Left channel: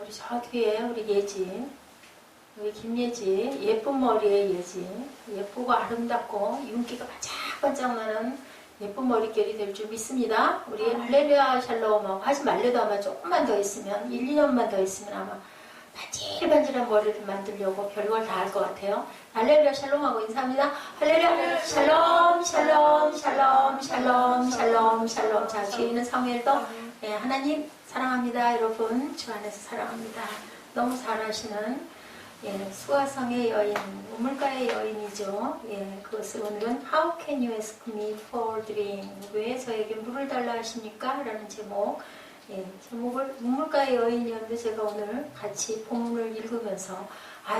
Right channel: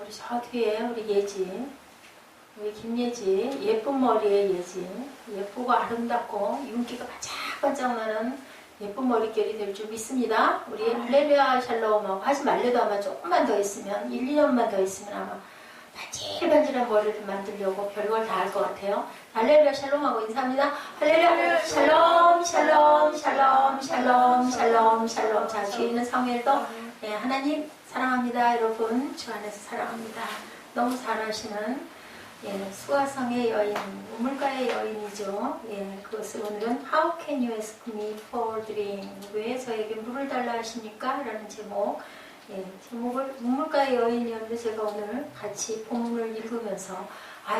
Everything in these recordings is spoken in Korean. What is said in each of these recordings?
우리 저 뒤에 우리 예진, 우리 김예진, 예쁜 머리의 예진, 예쁘고 아름답고 윤기가 반짝반짝 나는 예쁜 머릿결이 될 줄 믿습니다. 우리 할렐루야 샬롬하고 하지 말래도 아마 조금만 더 있으면 1, 2년만 더 있으면 아마 반질반질한 머리를 만들려고 별걸 다 할 것 같아요. 할렐루야 샬롬하고 인사합니다. 할렐루야 샬롬 샬롬 샬롬 샬롬 샬롬 샬롬. 자, 뒤에 있는 사무엘도 네, 하나님 사랑합니다. 여러분 주 안에서 사랑합니다. 너무 잘하시는 수가성의 여인, 우물가의 여인이죠. 그것을 오늘은 How can you ask me for drink? 왜 저에게 물을 달라 하십니까? 라는 제목을 우물가의 여인이었는데 제가 오늘 같이 본문을 읽으면서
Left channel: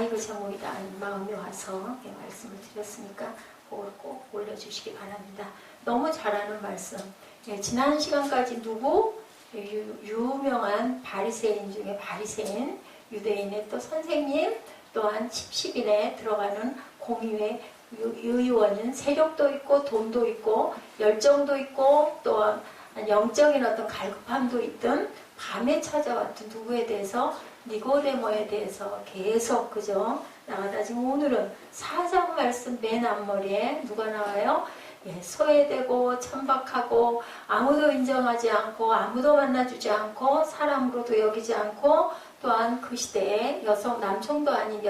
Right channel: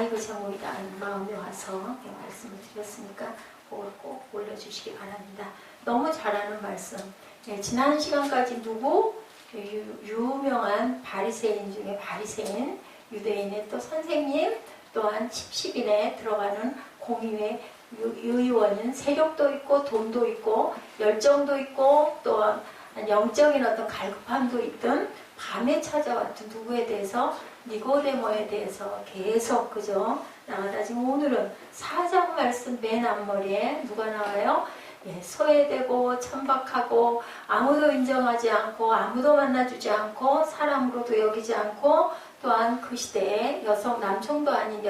이거 제목이다 하는 마음이 와서 말씀을 드렸으니까 그걸 꼭 올려주시기 바랍니다. 너무 잘하는 말씀. 지난 시간까지 누구? 유명한 바리새인 중에 바리새인, 유대인의 또 선생님, 또한 칩십인에 들어가는 공의회 의원인 세력도 있고 돈도 있고 열정도 있고 또한 영적인 어떤 갈급함도 있던 밤에 찾아왔던 누구에 대해서 니고데모에 대해서 계속 그죠 나가다 지금 오늘은 4장 말씀 맨 앞머리에 누가 나와요? 소외되고 천박하고 아무도 인정하지 않고 아무도 만나주지 않고 사람으로도 여기지 않고 또한 그 시대에 남총도 아닌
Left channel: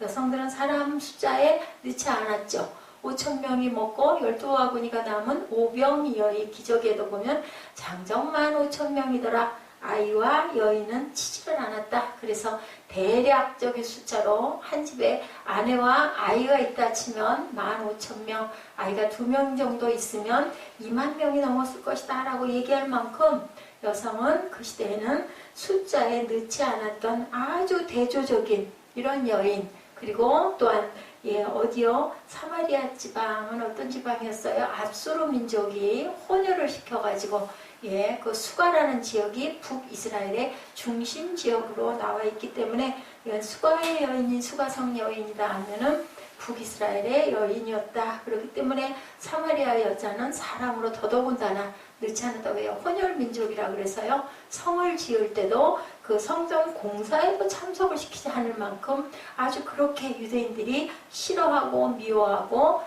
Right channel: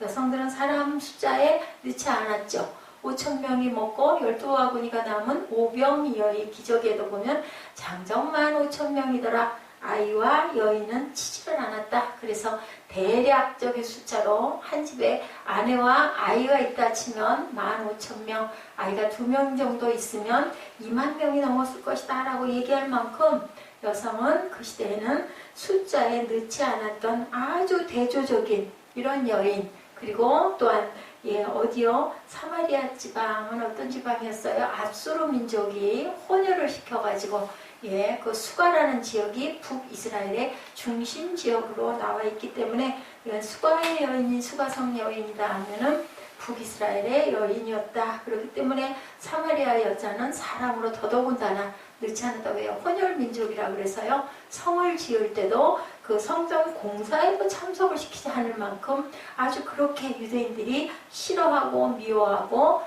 여성들은 사람 숫자에 넣지 않았죠. 5,000명이 먹고 12와구니가 남은 오병이어의 기적에도 보면 장정만 5,000명이더라. 아이와 여인은 치지를 않았다. 그래서 대략적인 숫자로 한 집에 아내와 아이가 있다 치면 15,000명, 아이가 2명 정도 있으면 2만 명이 넘었을 것이다 라고 얘기할 만큼 여성은 그 시대에는 숫자에 넣지 않았던 아주 대조적인 이런 여인, 그리고 또한 어디요? 사마리아 지방은 어떤 지방이었어요? 압수르 민족이 혼혈을 시켜가지고 그 수가라는 지역이 북이스라엘의 중심 지역으로 나와 있기 때문에 수가의 여인이 수가성 여인이다 하면은 북이스라엘의 여인이었다. 그렇기 때문에 사마리아 여자는 사람으로 더더군다나 넣지 않았다. 왜요? 혼혈 민족이라 그래서요. 성을 지을 때도 그 성전 공사에도 참석을 시키지 않을 만큼 아주 그렇게 유대인들이 싫어하고 미워하고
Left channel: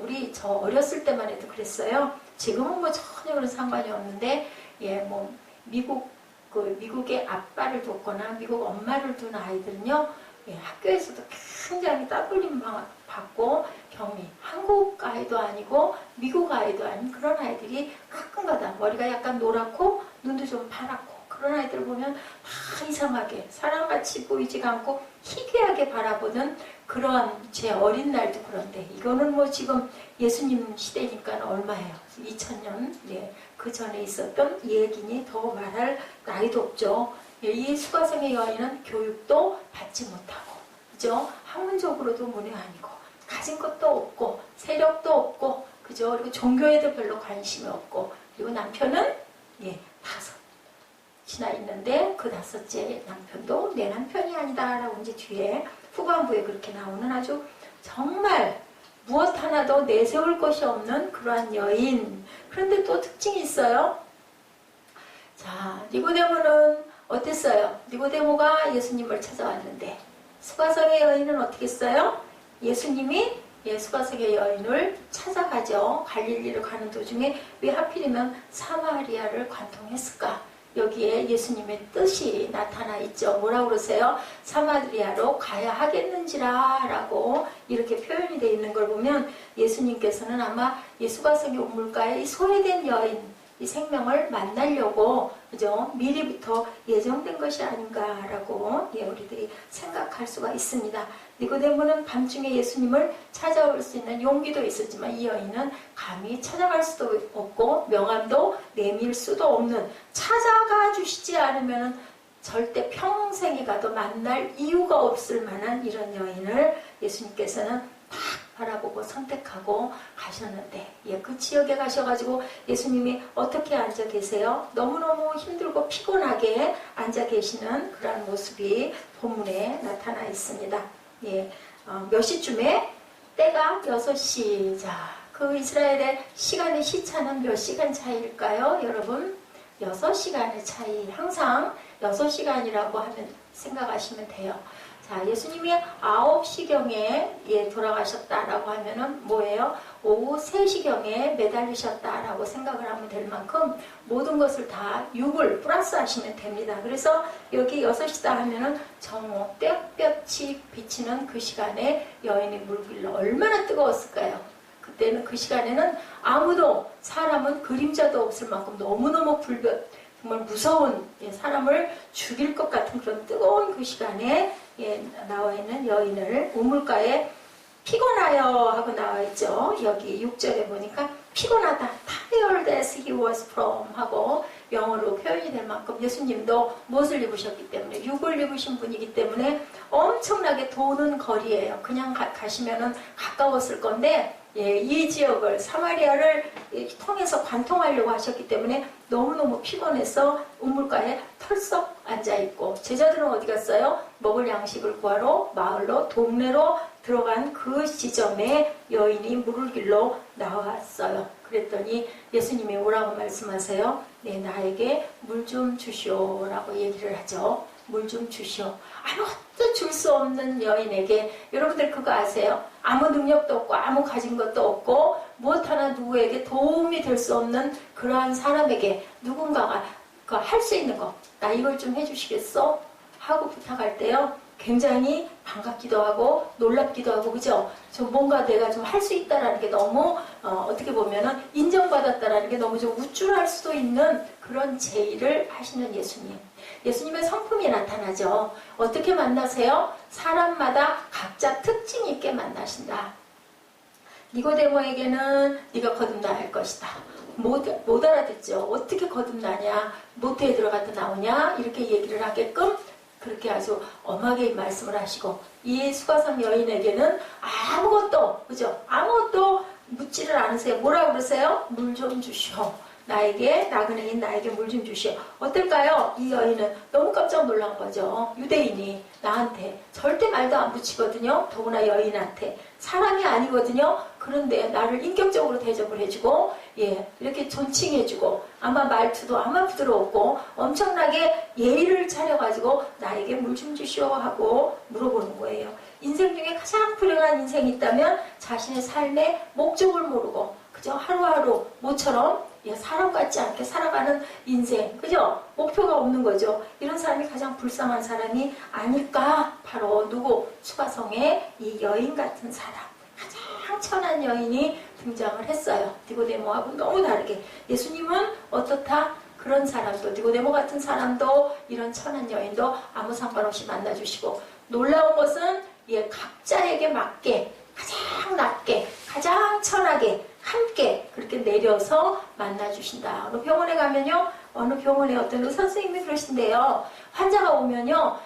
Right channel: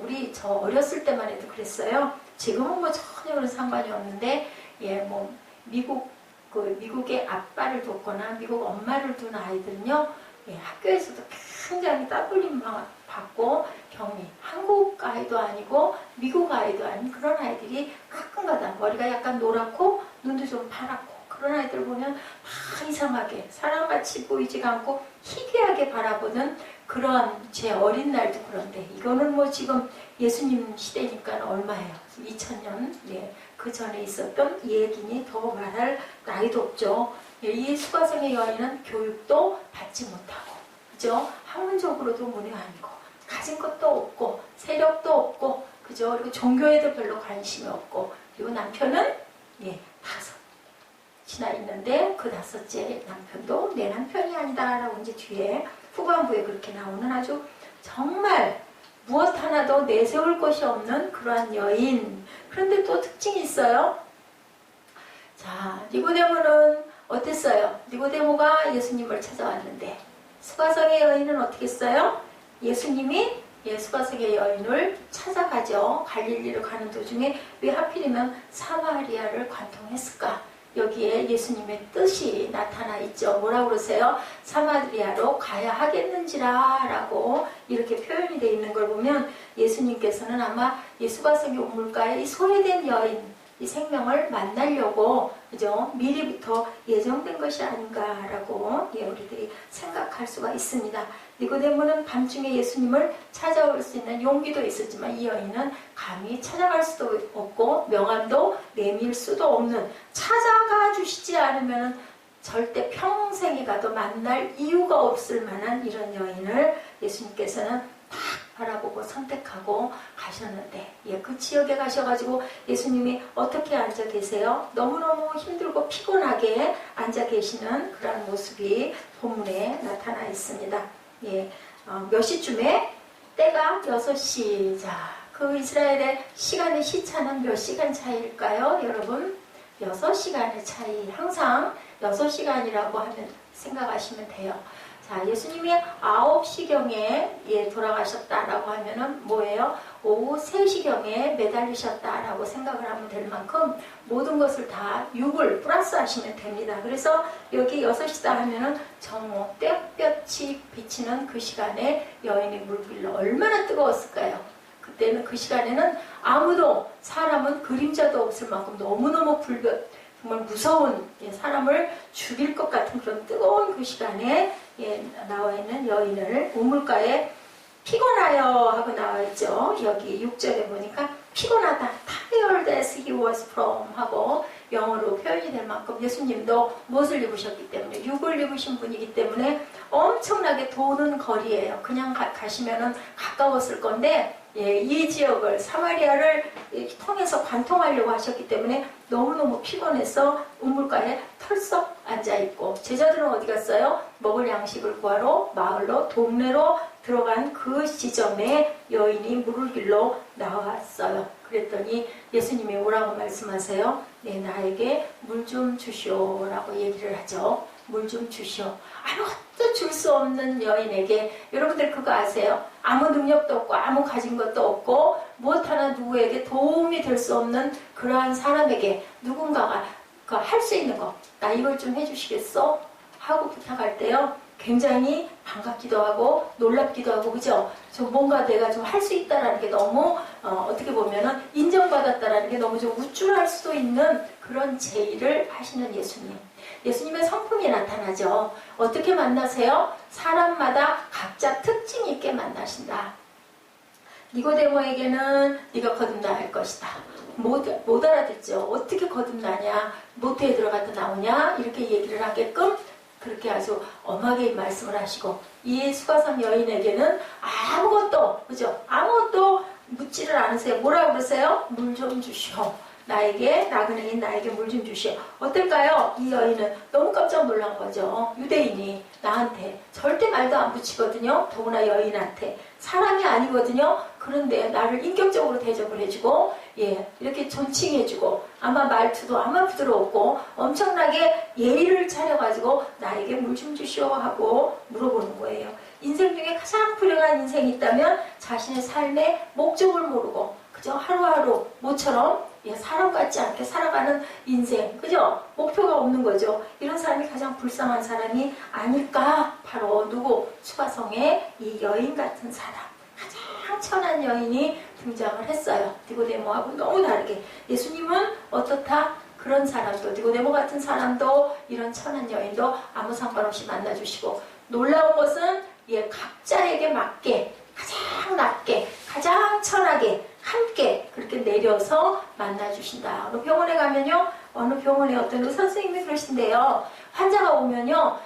우리 저 어렸을 때만 해도 그랬어요. 지금은 전혀 그런 상관이 없는데 미국의 아빠를 뒀거나 미국 엄마를 둔 아이들은요. 학교에서도 굉장히 따돌림 받고 격리. 한국 아이도 아니고 미국 아이도 아닌 그런 아이들이 가끔가다 머리가 약간 노랗고 눈도 좀 파랗고 그런 아이들 보면 다 이상하게 사람같이 보이지가 않고 희귀하게 바라보는 그런 제 어린 날도 그런데 이거는 지금 예수님 시대니까 얼마예요? 2000년 그 전에 있었던 얘기니 더 말할 나이도 없죠. 이 수가성의 여인은 교육도 받지 못하고 그죠? 학문적으로도 문외한이고 가진 것도 없고 세력도 없고 그죠? 그리고 종교에도 별로 관심이 없고 그리고 남편은 5이나 있는데 그 5째 남편도 내 남편이 아니다 라고 이제 뒤에 후반부에 그렇게 나오는 아주 정말 무엇 하나도 내세울 것이 없는 그러한 여인. 그런데 또 특징이 있어요. 자, 니고데모는 어땠어요? 니고데모가 예수님을 찾아왔는데 수가성의 여인은 어떻게 했어요? 예수님이 수가성의 여인을 찾아가죠. 갈릴리를 가는 도중에 왜 하필이면 사마리아를 관통했을까? 여기에 예수님의 뜻이 나타나 있죠. 뭐라고 그러세요? 사마리아로 가야 하겠는지라 라고 이렇게 표현이 되어 있는 걸 보면 예수님께서는 아마 수가성의 우물가에 이 소외된 여인 이 생명을 만나려고 그죠? 미리부터 예정된 것이 아닌가라고 우리들이 생각할 수가 있습니다. 니고데모는 밤중에 예수님을 찾아올 수 있는 용기도 있었지만 이 여인은 감히 찾아갈 수도 없고 명함도 내밀 수도 없는 찾아가 주시지 않으면 절대 평생에 가도 만날 이유가 없을 만한 이런 여인을 예수님께서는 딱 바라보고 선택하고 가셨는데 그 지역에 가셔가지고 예수님이 어떻게 앉아 계세요? 너무너무 힘들고 피곤하게 앉아 계시는 그런 모습이 본문에 나타나 있습니다. 몇 시쯤에? 때가 6시. 자, 그 이스라엘의 시간의 시차는 몇 시간 차이일까요? 여러분 6시간의 차이. 항상 6시간이라고 하면 생각하시면 돼요. 자, 예수님이 9시경에 돌아가셨다라고 하면은 뭐예요? 오후 3시경에 매달리셨다라고 생각을 하면 될 만큼 모든 것을 다 6을 플러스 하시면 됩니다. 그래서 여기 6시다 하면은 정오 땡볕이 비치는 그 시간에 여인이 물길로 얼마나 뜨거웠을까요? 그때는 그 시간에는 아무도, 사람은 그림자도 없을 만큼 너무너무 정말 무서운, 사람을 죽일 것 같은 그런 뜨거운 그 시간에 나와 있는 여인을 우물가에 피곤하여 하고 나와 있죠. 여기 6절에 보니까 피곤하다, tired as he was from 하고 영어로 표현이 될 만큼 예수님도 무엇을 입으셨기 때문에, 육을 입으신 분이기 때문에 엄청나게 도는 거리예요. 그냥 가시면은 가까웠을 건데 이 지역을, 사마리아를 통해서 관통하려고 하셨기 때문에 너무너무 피곤해서 우물가에 털썩 앉아있고, 제자들은 어디 갔어요? 먹을 양식을 구하러 마을로, 동네로 들어간 그 지점에 여인이 물을 길러 나왔어요. 그랬더니 예수님이 뭐라고 말씀하세요? 네, 나에게 물 좀 주시오 라고 얘기를 하죠. 물 좀 주시오. 아무것도 줄 수 없는 여인에게, 여러분들 그거 아세요? 아무 능력도 없고 아무 가진 것도 없고 무엇 하나 누구에게 도움이 될 수 없는 그러한 사람에게 누군가가 할 수 있는 거, 나 이걸 좀 해주시겠어? 하고 부탁할 때요, 굉장히 반갑기도 하고 놀랍기도 하고, 그죠? 저 뭔가 내가 좀 할 수 있다라는 게 너무 어떻게 보면은 인정받았다라는 게 너무 좀 우쭐할 수도 있는 그런 제의를 하시는 예수님. 예수님의 성품이 나타나죠. 어떻게 만나세요? 사람마다 각자 특징 있게 만나신다. 니고데모에게는 네가 거듭나야 할 것이다. 못 알아듣죠. 어떻게 거듭나냐, 모태에 들어갔다 나오냐, 이렇게 얘기를 하게끔 그렇게 아주 엄하게 말씀을 하시고, 이 수가성 여인에게는 아무것도, 그죠? 아무것도 묻지를 않으세요. 뭐라고 그러세요? 물 좀 주시오. 나그네인 나에게 물 좀 주시오. 어떨까요? 이 여인은 너무 깜짝 놀란 거죠. 유대인이 나한테 절대 말도 안 붙이거든요. 더구나 여인한테. 사람이 아니거든요. 그런데 나를 인격적으로 대접을 해주고, 이렇게 존칭해주고, 아마 말투도 아마 부드러웠고, 엄청나게 예의를 차려가지고 나에게 물 좀 주시오 하고 물어보는 거예요. 인생 중에 가장 불행한 인생이 있다면 자신의 삶의 목적을 모르고 그저 하루하루 모처럼 사람 같지 않게 살아가는 인생, 그죠? 목표가 없는 거죠. 이런 사람이 가장 불쌍한 사람이 아닐까? 바로 누구? 수가성의 이 여인 같은 사람, 가장 천한 여인이 등장을 했어요. 니고데모하고 너무 다르게. 예수님은 어떻다? 그런 사람도, 니고데모 같은 사람도, 이런 천한 여인도 아무 상관없이 만나주시고, 놀라운 것은 각자에게 맞게, 가장 낮게, 가장 천하게 함께 그렇게 내려서 만나주신다. 어느 병원에 가면요, 어느 병원에 어떤 의사 선생님이 그러신데요, 환자가 오면요,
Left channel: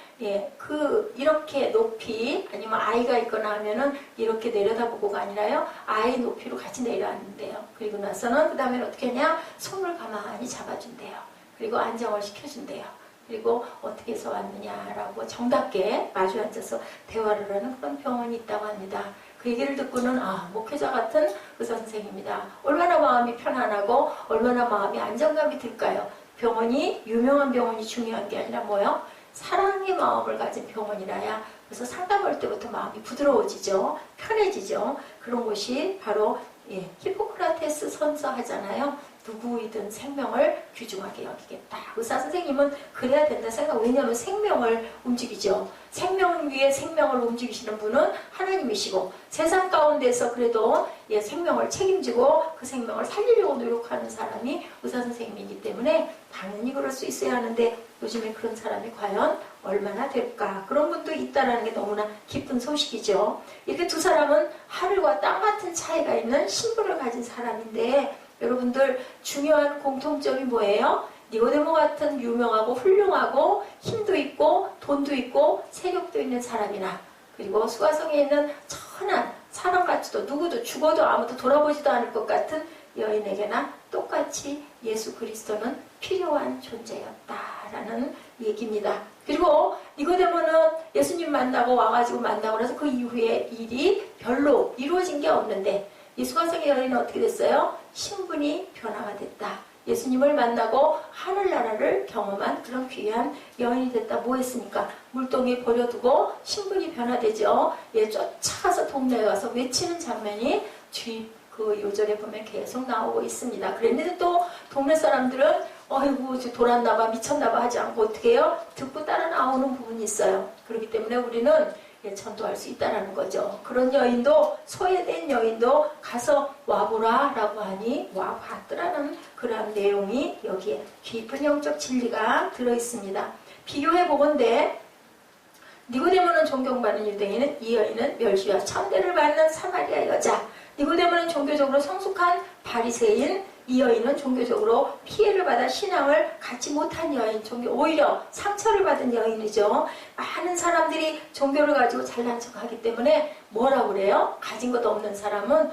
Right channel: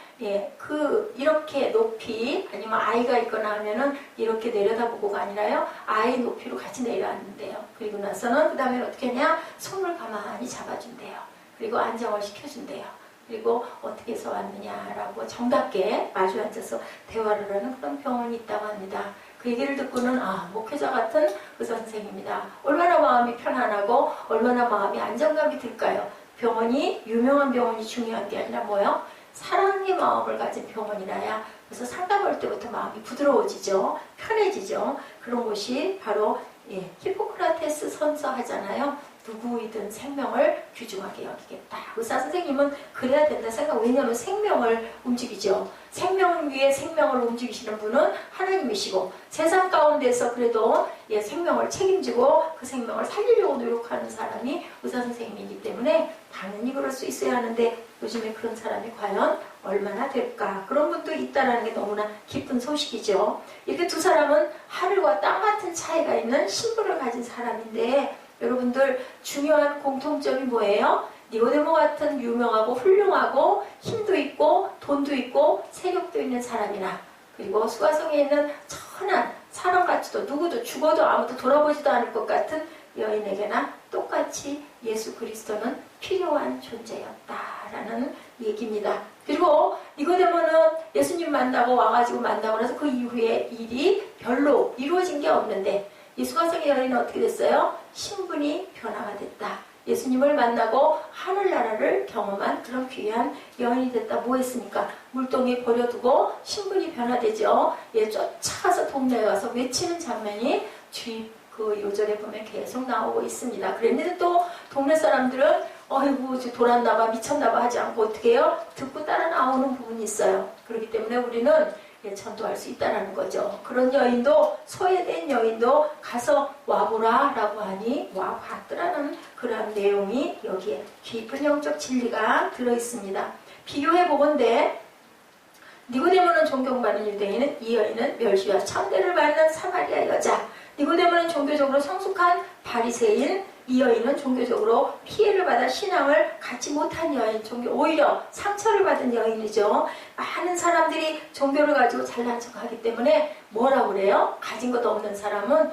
이렇게 높이, 아니면 아이가 있거나 하면은 이렇게 내려다보고가 아니라요, 아이 높이로 같이 내려앉는데요. 그리고 나서는 그 다음에 어떻게 하냐, 손을 가만히 잡아준대요. 그리고 안정을 시켜준대요. 그리고 어떻게 해서 왔느냐라고 정답게 마주 앉아서 대화를 하는 그런 병원이 있다고 합니다. 그 얘기를 듣고는 목회자 같은 의사 선생님이다. 얼마나 마음이 편안하고 얼마나 마음이 안정감이 들까요? 병원이, 유명한 병원이 중요한 게 아니라 뭐요? 사랑의 마음을 가진 병원이라야 그래서 상담할 때부터 마음이 부드러워지죠. 편해지죠. 그런 곳이 바로 히포크라테스 선서 하잖아요. 누구이든 생명을 귀중하게 여기겠다. 의사 선생님은 그래야 된다 생각. 왜냐하면 생명을 움직이죠. 생명 위에 생명을 움직이시는 분은 하나님이시고, 세상 가운데서 그래도 생명을 책임지고 그 생명을 살리려고 노력하는 사람이 의사 선생님이기 때문에 당연히 그럴 수 있어야 하는데, 요즘에 그런 사람이 과연 얼마나 될까? 그런 분도 있다는 게 너무나 기쁜 소식이죠. 이렇게 두 사람은 하늘과 땅 같은 차이가 있는 신분을 가진 사람인데, 여러분들 중요한 공통점이 뭐예요? 니고데모 같은 유명하고 훌륭하고 힘도 있고 돈도 있고 세력도 있는 사람이나, 그리고 수가성에 있는 천한 사람같이도 누구도 죽어도 아무도 돌아보지도 않을 것 같은 여인에게나 똑같이 예수 그리스도는 필요한 존재였다라는 얘기입니다. 그리고 니고데모는 예수님 만나고 와가지고 만나고 나서 그 이후에 일이 별로 이루어진 게 없는데, 이 수가성의 여인은 어떻게 됐어요? 신분이 변화가 됐다. 예수님을 만나고 하늘나라를 경험한 그런 귀한 여인이 됐다. 뭐 했습니까? 물동이 버려두고 신분이 변화되죠. 예, 쫓아가서 동네에 와서 외치는 장면이 뒤 그 요절에 보면 계속 나오고 있습니다. 그랬는데 또 동네 사람들은 어이구 돌았나봐 미쳤나봐 하지 않고 어떻게 해요? 듣고 따라 나오는 부분이 있어요. 그렇기 때문에 우리는 예, 전도할 수 있다는 거죠. 그런 여인도 소외된 여인도 가서 와보라 라고 하니 와봤더라는 그런 내용이 여기에 깊은 영적 진리가 들어있습니다. 비교해보건대 니고데모는 존경받는 유대인은 이 여인은 멸시와 천대를 받는 사마리아 여자. 니고데모는 종교적으로 성숙한 바리새인, 이 여인은 종교적으로 피해를 받아 신앙을 갖지 못한 여인, 오히려 상처를 받은 여인이죠. 많은 사람들이 종교를 가지고 잘난 척하기 때문에 뭐라고 그래요? 가진 것도 없는 사람은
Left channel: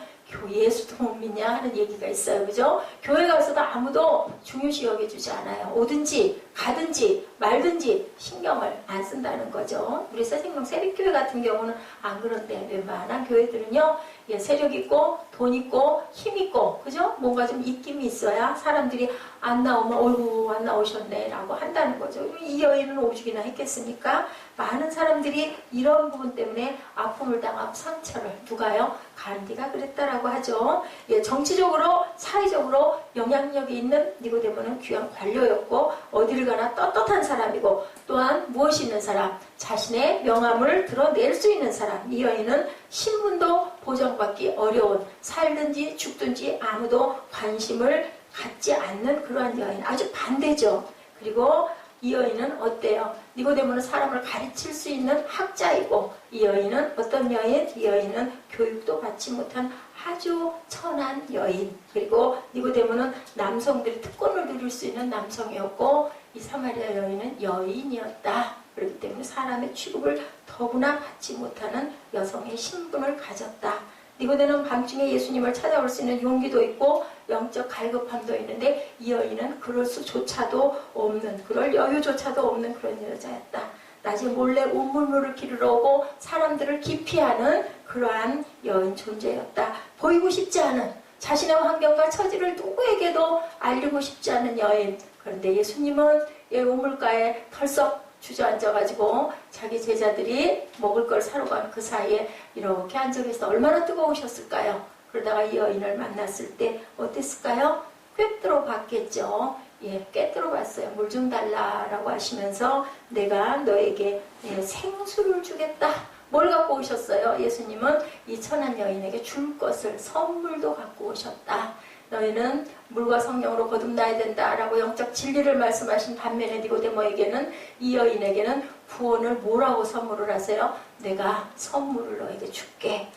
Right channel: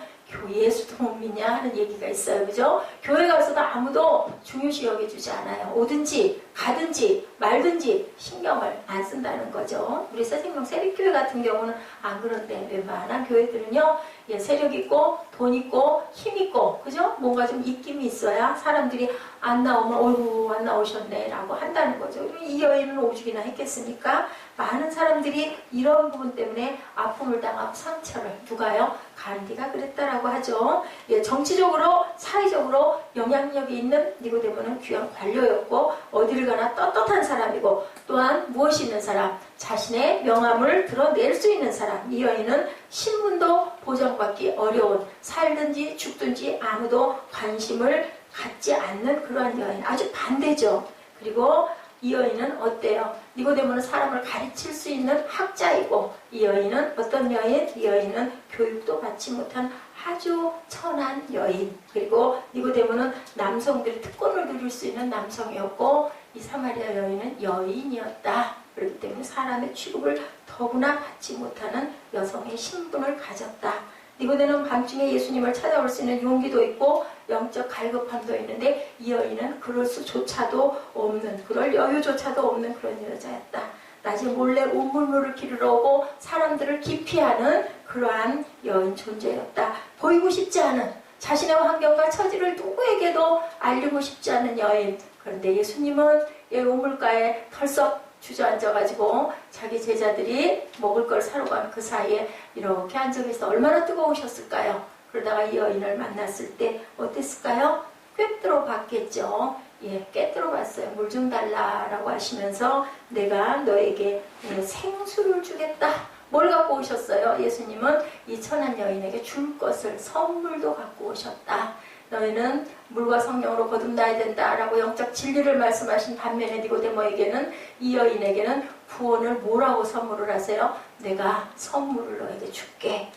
예수도 못 믿냐 하는 얘기가 있어요. 그죠? 교회 가서도 아무도 중요시 여겨주지 않아요. 오든지 가든지 말든지 신경을 안 쓴다는 거죠. 우리 새생명 세립교회 같은 경우는 안 그런데 웬만한 교회들은요, 예, 세력 있고 돈 있고 힘 있고 그죠? 뭔가 좀 입김이 있어야 사람들이 안 나오면 어이구 안 나오셨네 라고 한다는 거죠. 이 여인은 오죽이나 했겠습니까? 많은 사람들이 이런 부분 때문에 아픔을 당하고 상처를 누가요? 간디가 그랬다라고 하죠. 예, 정치적으로 사회적으로 영향력이 있는 니고데모는 귀한 관료였고 어디를 가나 떳떳한 사람이고 또한 무엇이 있는 사람, 자신의 명함을 드러낼 수 있는 사람. 이 여인은 신분도 보장받기 어려운 살든지 죽든지 아무도 관심을 갖지 않는 그러한 여인. 아주 반대죠. 그리고 이 여인은 어때요? 니고데모는 사람을 가르칠 수 있는 학자이고 이 여인은 어떤 여인? 이 여인은 교육도 받지 못한 아주 천한 여인. 그리고 니고데모는 남성들이 특권을 누릴 수 있는 남성이었고 이 사마리아 여인은 여인이었다. 그렇기 때문에 사람의 취급을 더구나 받지 못하는 여성의 신분을 가졌다. 니고데모는 밤중에 예수님을 찾아올 수 있는 용기도 있고 영적 갈급함도 있는데 이 여인은 그럴 수조차도 없는, 그럴 여유조차도 없는 그런 여자였다. 낮에 몰래 우물물을 기르러 오고 사람들을 기피하는 그러한 여인 존재였다. 보이고 싶지 않은 자신의 환경과 처지를 누구에게도 알리고 싶지 않은 여인. 그런데 예수님은 이 우물가에 털썩 주저앉아가지고 자기 제자들이 먹을 걸 사러 간 그 사이에 이렇게 앉아 계셔서 얼마나 뜨거우셨을까요? 그러다가 이 여인을 만났을 때 어땠을까요? 꿰뚫어 봤겠죠. 예, 꿰뚫어 봤어요. 물 좀 달라라고 하시면서 내가 너에게 생수를 주겠다. 뭘 갖고 오셨어요? 예수님은 이 천한 여인에게 줄 것을 선물도 갖고 오셨다. 너희는 물과 성령으로 거듭나야 된다라고 영적 진리를 말씀하신 반면에 니고데모에게는 이 여인에게는 구원을 뭐라고 선물을 하세요? 내가 선물을 너에게 줄게.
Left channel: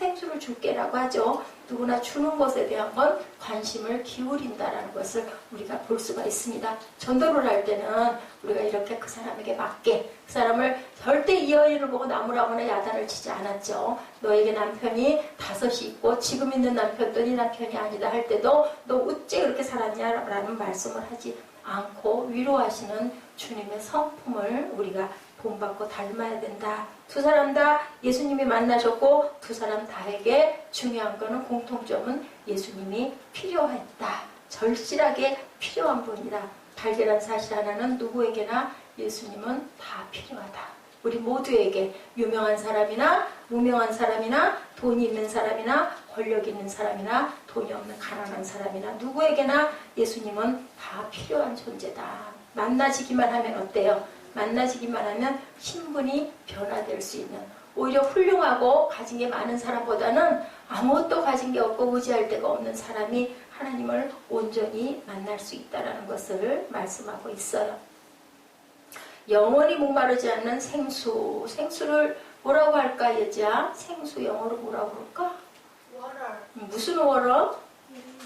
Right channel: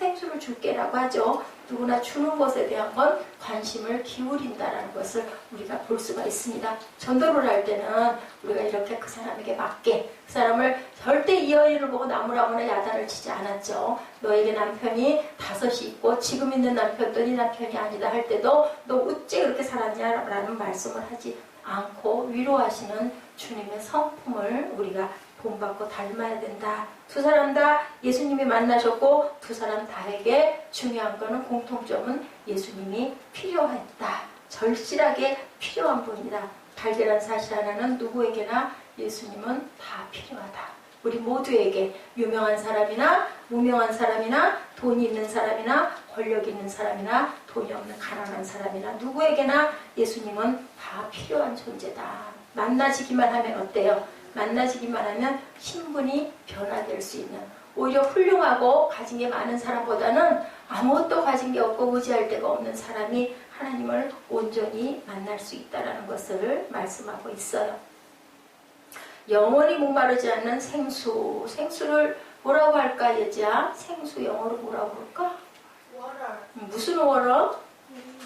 생수를 줄게라고 하죠. 누구나 주는 것에 대한 건 관심을 기울인다라는 것을 우리가 볼 수가 있습니다. 전도를 할 때는 우리가 이렇게 그 사람에게 맞게 그 사람을 절대 이 여인을 보고 나무라거나 야단을 치지 않았죠. 너에게 남편이 5이 있고 지금 있는 남편도 네 남편이 아니다 할 때도 너 어째 그렇게 살았냐라는 말씀을 하지 않고 위로하시는 주님의 성품을 우리가 본받고 닮아야 된다. 두 사람 다 예수님이 만나셨고 두 사람 다에게 중요한 거는 공통점은 예수님이 필요했다. 절실하게 필요한 분이다. 발견한 사실 하나는 누구에게나 예수님은 다 필요하다. 우리 모두에게 유명한 사람이나 무명한 사람이나 돈이 있는 사람이나 권력 있는 사람이나 돈이 없는 가난한 사람이나 누구에게나 예수님은 다 필요한 존재다. 만나지기만 하면 어때요? 만나지기만 하면 신분이 변화될 수 있는, 오히려 훌륭하고 가진 게 많은 사람보다는 아무것도 가진 게 없고 의지할 데가 없는 사람이 하나님을 온전히 만날 수 있다는 것을 말씀하고 있어요. 영원히 목마르지 않는 생수. 생수를 뭐라고 할까 얘지야? 생수 영어로 뭐라고 그럴까? water. 무슨 water?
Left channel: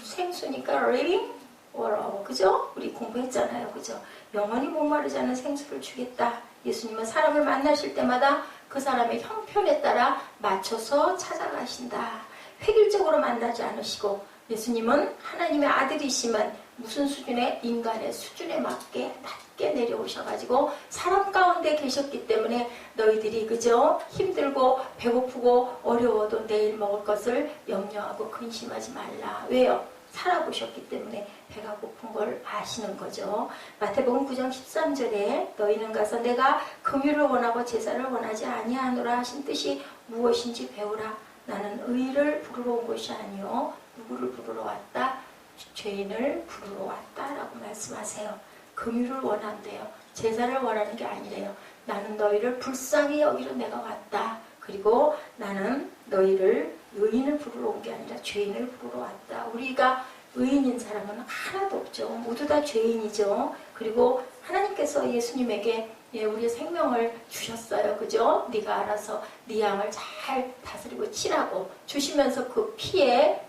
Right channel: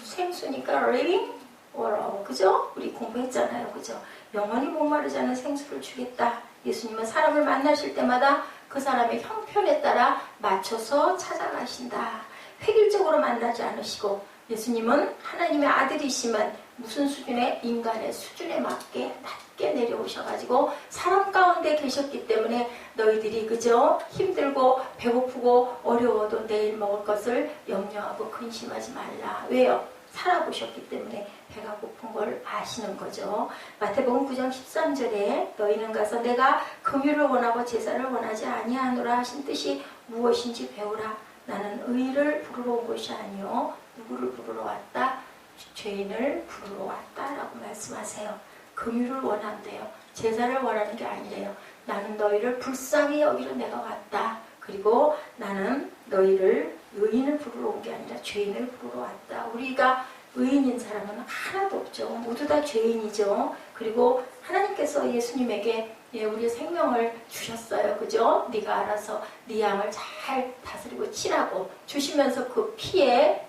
생수니까 living water. 그죠? 우리 공부했잖아요. 그죠? 영원히 목마르지 않는 생수를 주겠다. 예수님은 사람을 만나실 때마다 그 사람의 형편에 따라 맞춰서 찾아가신다. 획일적으로 만나지 않으시고 예수님은 하나님의 아들이시면 무슨 수준의 인간의 수준에 맞게 낮게 내려오셔가지고 사람 가운데 계셨기 때문에 너희들이 그저 힘들고 배고프고 어려워도 내일 먹을 것을 염려하고 근심하지 말라. 왜요? 살아보셨기 때문에 배가 고픈 걸 아시는 거죠. 마태복음 9장 13절에 너희는 가서 내가 긍휼을 원하고 제사를 원하지 아니하노라 하신 뜻이 무엇인지 배우라. 나는 의를 부르러 온 것이 아니요 누구를 부르러 왔다? 죄인을 부르러 왔다라고 말씀하세요. 긍휼을 원한대요. 제사를 원하는 게 아니래요. 나는 너희를 불쌍히 여기러 내가 왔다. 그리고 나는 너희를 의인을 부르러 온 게 아니라 죄인을 부르러 왔다. 우리가 의인인 사람은 하나도 없죠. 모두 다 죄인이죠. 그리고 하나님께서 예수님에게 우리의 생명을 주셨어요. 그죠? 네가 알아서 네 양을 잘 다스리고 치라고 주시면서 그 피에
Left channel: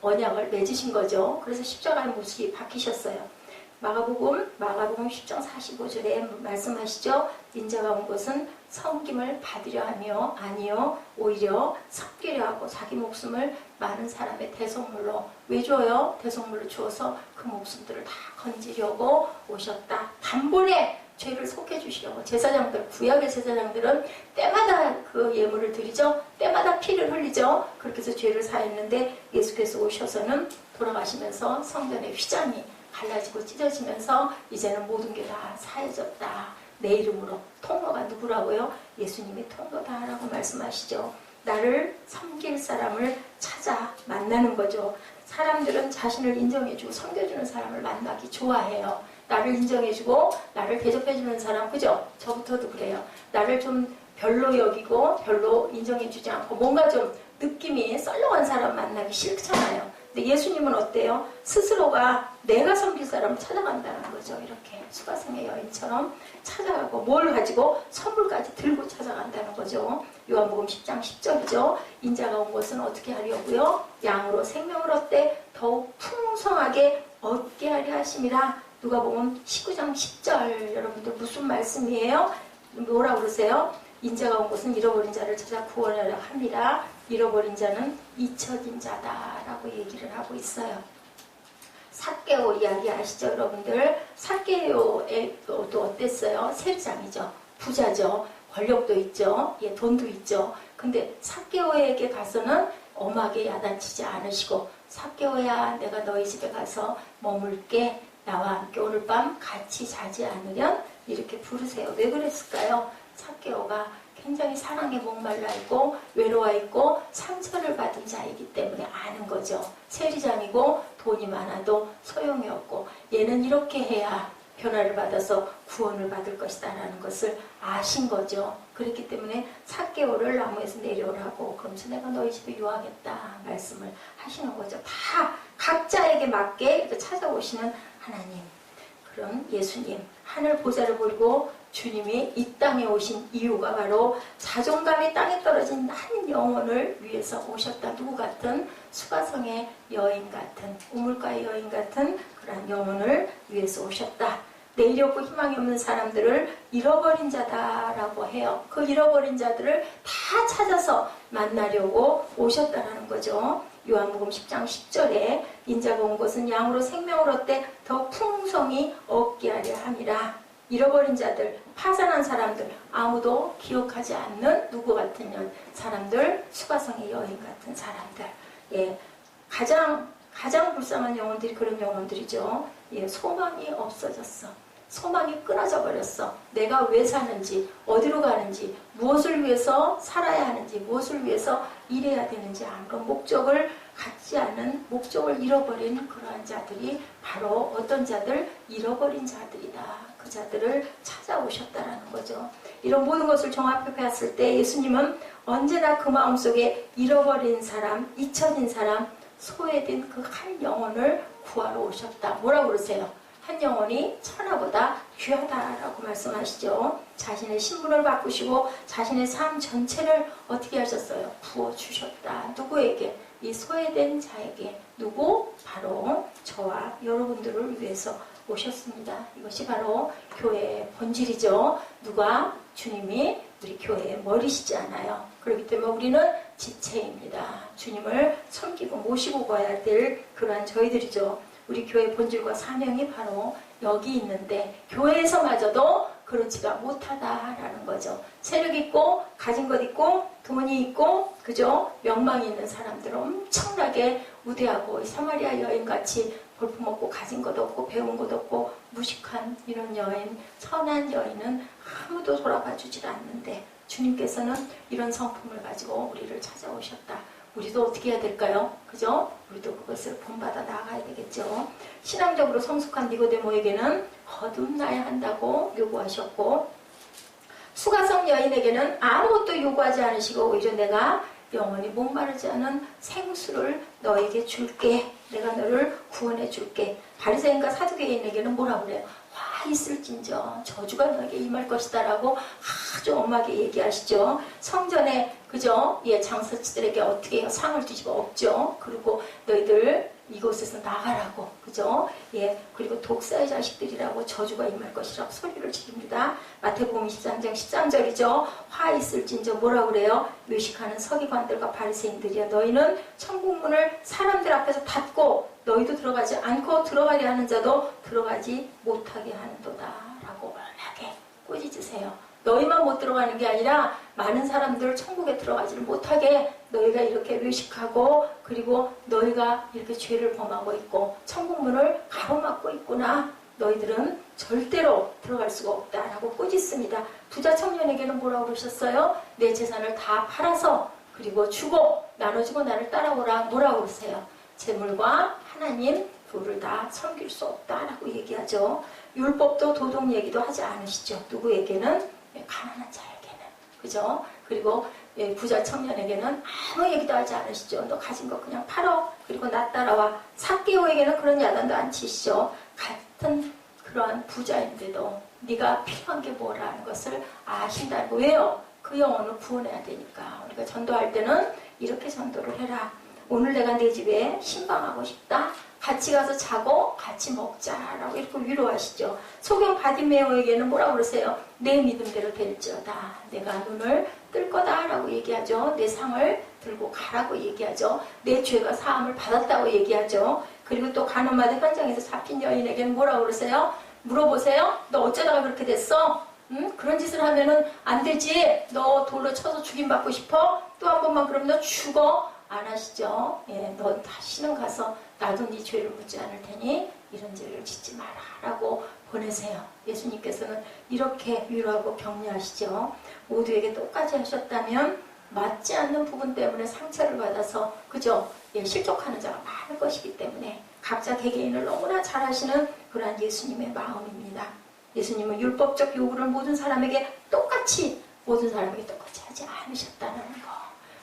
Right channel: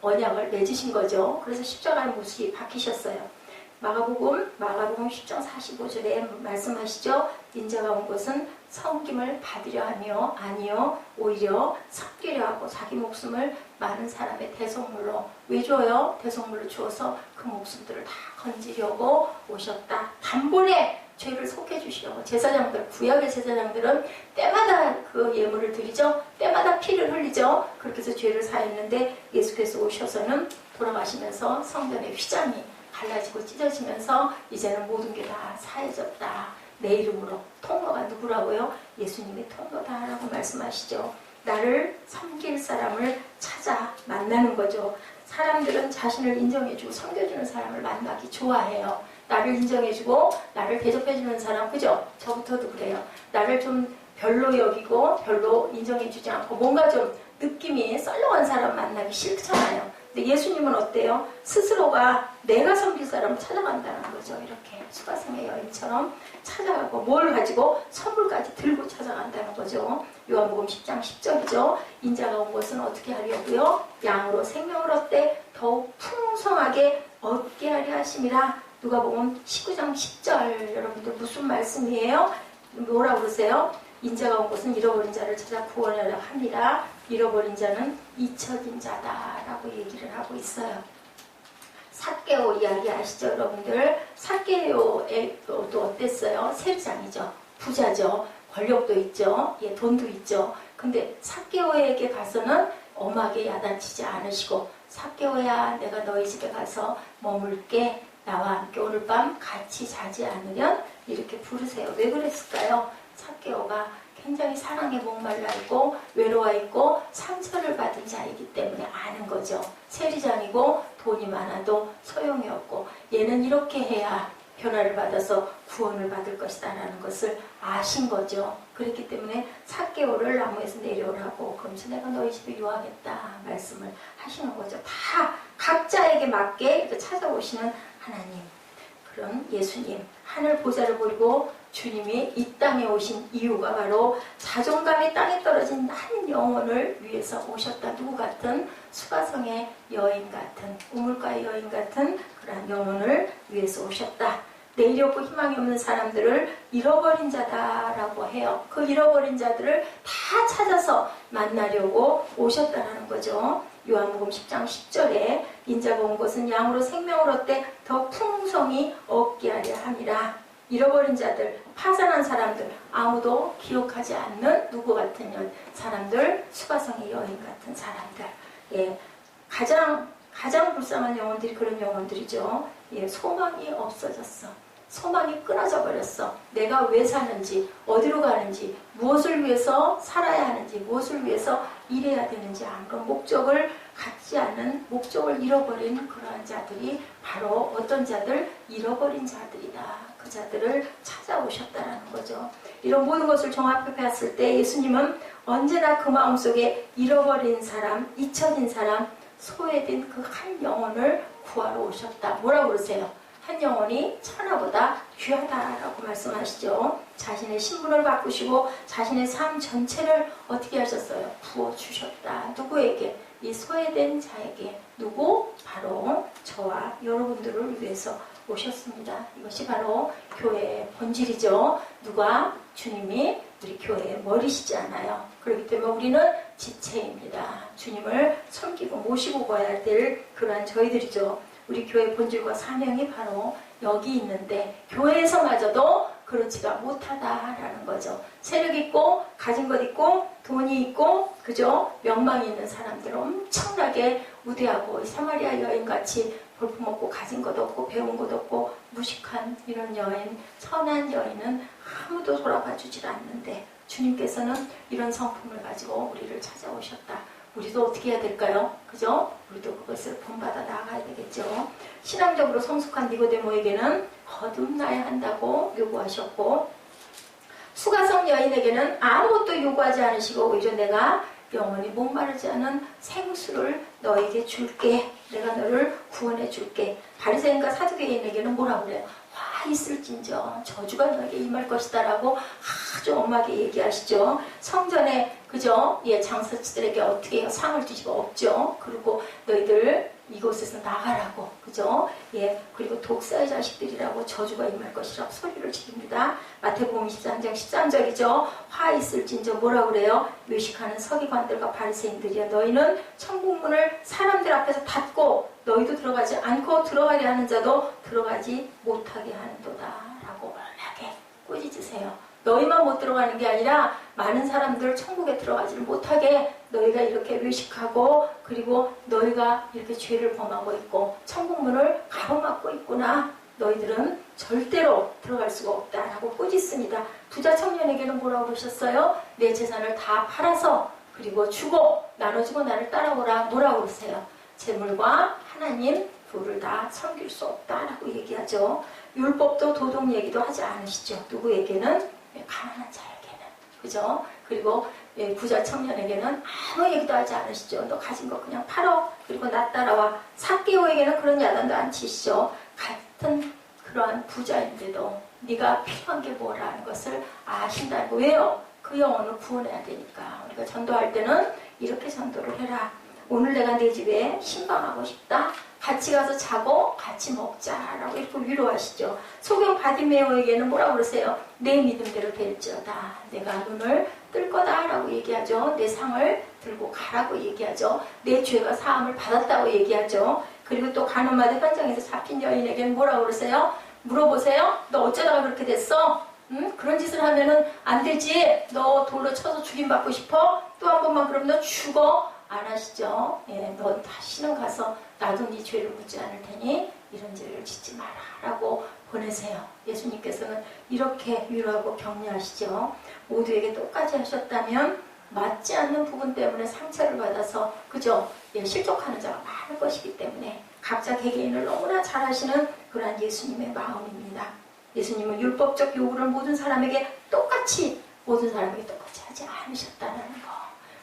언약을 맺으신 거죠. 그래서 십자가의 못이 박히셨어요. 마가복음 10장 45절에 말씀하시죠. 인자가 온 것은 섬김을 받으려 하며 아니요 오히려 섬기려 하고 자기 목숨을 많은 사람의 대속물로 왜 줘요? 대속물로 주어서 그 목숨들을 다 건지려고 오셨다. 단번에 죄를 속해주시려고. 제사장들, 구약의 제사장들은 때마다 그 예물을 드리죠. 때마다 피를 흘리죠. 그렇게 해서 죄를 사했는데 예수께서 오셔서는 돌아가시면서 성전의 휘장이 갈라지고 찢어지면서 이제는 모든 게 다 사해졌다. 내 이름으로. 통로가 누구라고요? 예수님이 통로다라고 말씀하시죠. 나를 섬길 사람을 찾아 만나는 거죠. 사람들은 자신을 인정해주고 섬겨주는 사람을 만나기 좋아해요. 나를 인정해주고 나를 대접해주는 사람, 그죠? 저부터도 그래요. 나를 좀 별로 여기고 별로 인정해주지 않고 뭔가 좀 느낌이 썰렁한 사람 만나기 싫잖아요. 근데 예수님은 어때요? 스스로가 내가 섬길 사람을 찾아간다는 거죠. 이렇게 수가성의 여인처럼 찾아가고 뭘 가지고 선물까지 들고 찾아간다는 거죠. 요한복음 10장 10절이죠. 인자가 온 것은 어떻게 하려고요? 양으로 생명을 얻되 더욱 풍성하게 얻게 하려 하심이라. 누가복음 19장 10절. 여러분들 무슨 말씀이에요? 뭐라고 그러세요? 인자가 온 것은 잃어버린 자를 찾아 구원하려 합니다. 잃어버린 자는 잊혀진 자다라고 얘기를 하고 있어요. 삭개오 이야기 아시죠, 여러분들? 삭개오의 또 어땠어요? 세리장이죠. 부자죠. 권력도 있죠. 돈도 있죠. 근데 삭개오에게 가서는 엄하게 야단치지 않으시고, 삭개오야, 내가 너희 집에 가서 머물게. 나와 함께 오늘 밤 같이 자지 않으련? 이렇게 부르세요. 왜 그랬을까요? 삭개오가 굉장히 사랑에 목말라 있고 외로워 있고 상처를 받은 자이기 때문에 아는 거죠. 세리장이고 돈이 많아도 소용이 없고 얘는 이렇게 해야 변화를 받아서 구원을 받을 것이다 라는 것을 아신 거죠. 그렇기 때문에 삭개오를 나무에서 내려오라고, 그러면서 내가 너희 집에 유하겠다 말씀을 하시는 거죠. 다 각자에게 맞게 찾아오시는 하나님, 그런 예수님, 하늘 보좌를 버리고 주님이 이 땅에 오신 이유가 바로 자존감이 땅에 떨어진 한 영혼을 위해서 오셨다. 누구 같은? 수가성의 여인 같은, 우물가의 여인 같은 그러한 영혼을 위해서 오셨다. 내일이 없고 희망이 없는 사람들을 잃어버린 자다라고 해요. 그 잃어버린 자들을 다 찾아서 만나려고 오셨다라는 거죠. 요한복음 10장 10절에 인자가 온 것은 양으로 생명을 얻되 더 풍성히 얻게 하려 함이라. 잃어버린 자들, 파산한 사람들, 아무도 기억하지 않는 누구 같은 사람들, 수가성의 여인 같은 사람들. 가장 불쌍한 영혼들이 그런 영혼들이죠. 소망이 없어졌어. 소망이 끊어져 버렸어. 내가 왜 사는지, 어디로 가는지, 무엇을 위해서 살아야 하는지, 무엇을 위해서 일해야 되는지 아무런 목적을 갖지 않은, 목적을 잃어버린 그러한 자들이 바로 어떤 자들? 잃어버린 자들이다. 그 자들을 찾아오셨다라는 거죠. 이런 모든 것을 종합해 봤을 때 예수님은 언제나 그 마음속에 잃어버린 사람, 잊혀진 사람, 소외된 그 한 영혼을 구하러 오셨다. 뭐라고 그러세요? 한 영혼이 천하보다 귀하다라고 말씀하시죠. 자신의 신분을 바꾸시고 자신의 삶 전체를 어떻게 하셨어요? 부어주셨다. 누구에게? 이 소외된 자에게. 누구? 바로 저와 여러분들을 위해서 오셨습니다. 이것이 바로 교회의 본질이죠. 누가? 주님이 우리 교회의 머리시지 않아요. 그렇기 때문에 우리는 지체입니다. 주님을 섬기고 모시고 가야 될 그러한 저희들이죠. 우리 교회 본질과 사명이 바로 여기 있는데 교회에서마저도 그렇지가 못하다라는 거죠. 세력 있고 가진 것 있고 돈이 있고 그죠? 명망이 있는 사람들 엄청나게 우대하고 사마리아 여인같이 볼품없고 가진 것 없고 배운 것 없고 무식한 이런 여인, 선한 여인은 아무도 돌아봐 주질 않는데 주님께서는 이런 성품을 가지고 우리를 찾아오셨다. 우리도 어떻게 해야 될까요? 그죠? 우리도 그것을 본받아 나아가야 되겠죠. 신앙적으로 성숙한 니고데모에게는 거듭나야 한다고 요구하셨고 수가성 여인에게는 아무것도 요구하지 않으시고 오히려 내가 영원히 목마르지 않은 생수를 너에게 줄게. 내가 너를 구원해 줄게. 바리새인과 사두개인에게는 뭐라고 그래요? 화 있을진저 저주가 너에게 임할 것이다 라고 아주 엄하게 얘기하시죠. 성전에 그죠? 예, 장사치들에게 어떻게 해요? 상을 주시고 없죠. 그리고 너희들 이곳에서 나가라고 그죠? 예, 그리고 독사의 자식들이라고 저주가 임할 것이라고 소리를 지릅니다. 마태복음 23장 13절이죠. 화 있을진저 뭐라고 그래요? 외식하는 서기관들과 바리새인들이야. 너희는 천국문을 사람들 앞에서 닫고 너희도 들어가지 않고 들어가려 하는 자도 들어가지 못하게 하는도다 라고 엄하게 꾸짖으세요. 너희만 못 들어가는 게 아니라 많은 사람들 천국에 들어가지를 못하게 너희가 이렇게 외식하고 그리고 너희가 이렇게 죄를 범하고 있고 천국문을 가로막고 있구나. 너희들은 절대로 들어갈 수가 없다라고 꾸짖습니다. 부자 청년에게는 뭐라고 그러셨어요? 내 재산을 다 팔아서 그리고 주고 나눠주고 나를 따라오라. 뭐라고 그러세요? 재물과 하나님 둘을 다 섬길 수 없다라고 얘기하죠. 율법도 도덕 얘기도 하지 않으시죠. 누구에게는? 가난한 자에게는. 그죠? 그리고 부자 청년에게는 아무 얘기도 하지 않으시죠. 너 가진 거 그냥 팔어. 그리고 나 따라와. 삭개오에게는 그런 야단도 안 치시죠. 같은 그러한 부자인데도 네가 필요한 게 뭐라는 것을 아신다고. 왜요? 그 영혼을 구원해야 되니까. 우리가 전도할 때는 이렇게 전도를 해라. 오늘 내가 내 집에 신방하고 싶다. 같이 가서 자고 같이 먹자라고 이렇게 위로하시죠. 소경 바디메오에게는 뭐라고 그러세요? 내 믿음대로 될지어다. 내가 눈을 뜰 거다라고 얘기하죠. 내 상을 들고 가라고 얘기하죠. 내 죄가 사함을 받았다고 얘기하죠. 그리고 또 간호마대 현장에서 잡힌 여인에게는 뭐라고 그러세요? 물어보세요. 너 어쩌다가 그렇게 됐어? 응? 그런 짓을 하면은 안 되지. 너 돌로 쳐서 죽임받고 싶어? 또 한 번만 그러면 너 죽어. 안 하시죠? 예, 너 다시는 가서 나도 네 죄를 묻지 않을 테니 이런 죄를 짓지 마라 라고 보내세요. 예수님께서는 이렇게 위로하고 격려하시죠. 모두에게 똑같이 하셨다면 맞지 않는 부분 때문에 상처를 받아서 그죠? 예, 실족하는 자가 많은 것이기 때문에 각자 개개인을 너무나 잘 하시는 그러한 예수님의 마음입니다. 예수님은 율법적 요구를 모든 사람에게 똑같이 하지 않으셨다는 거.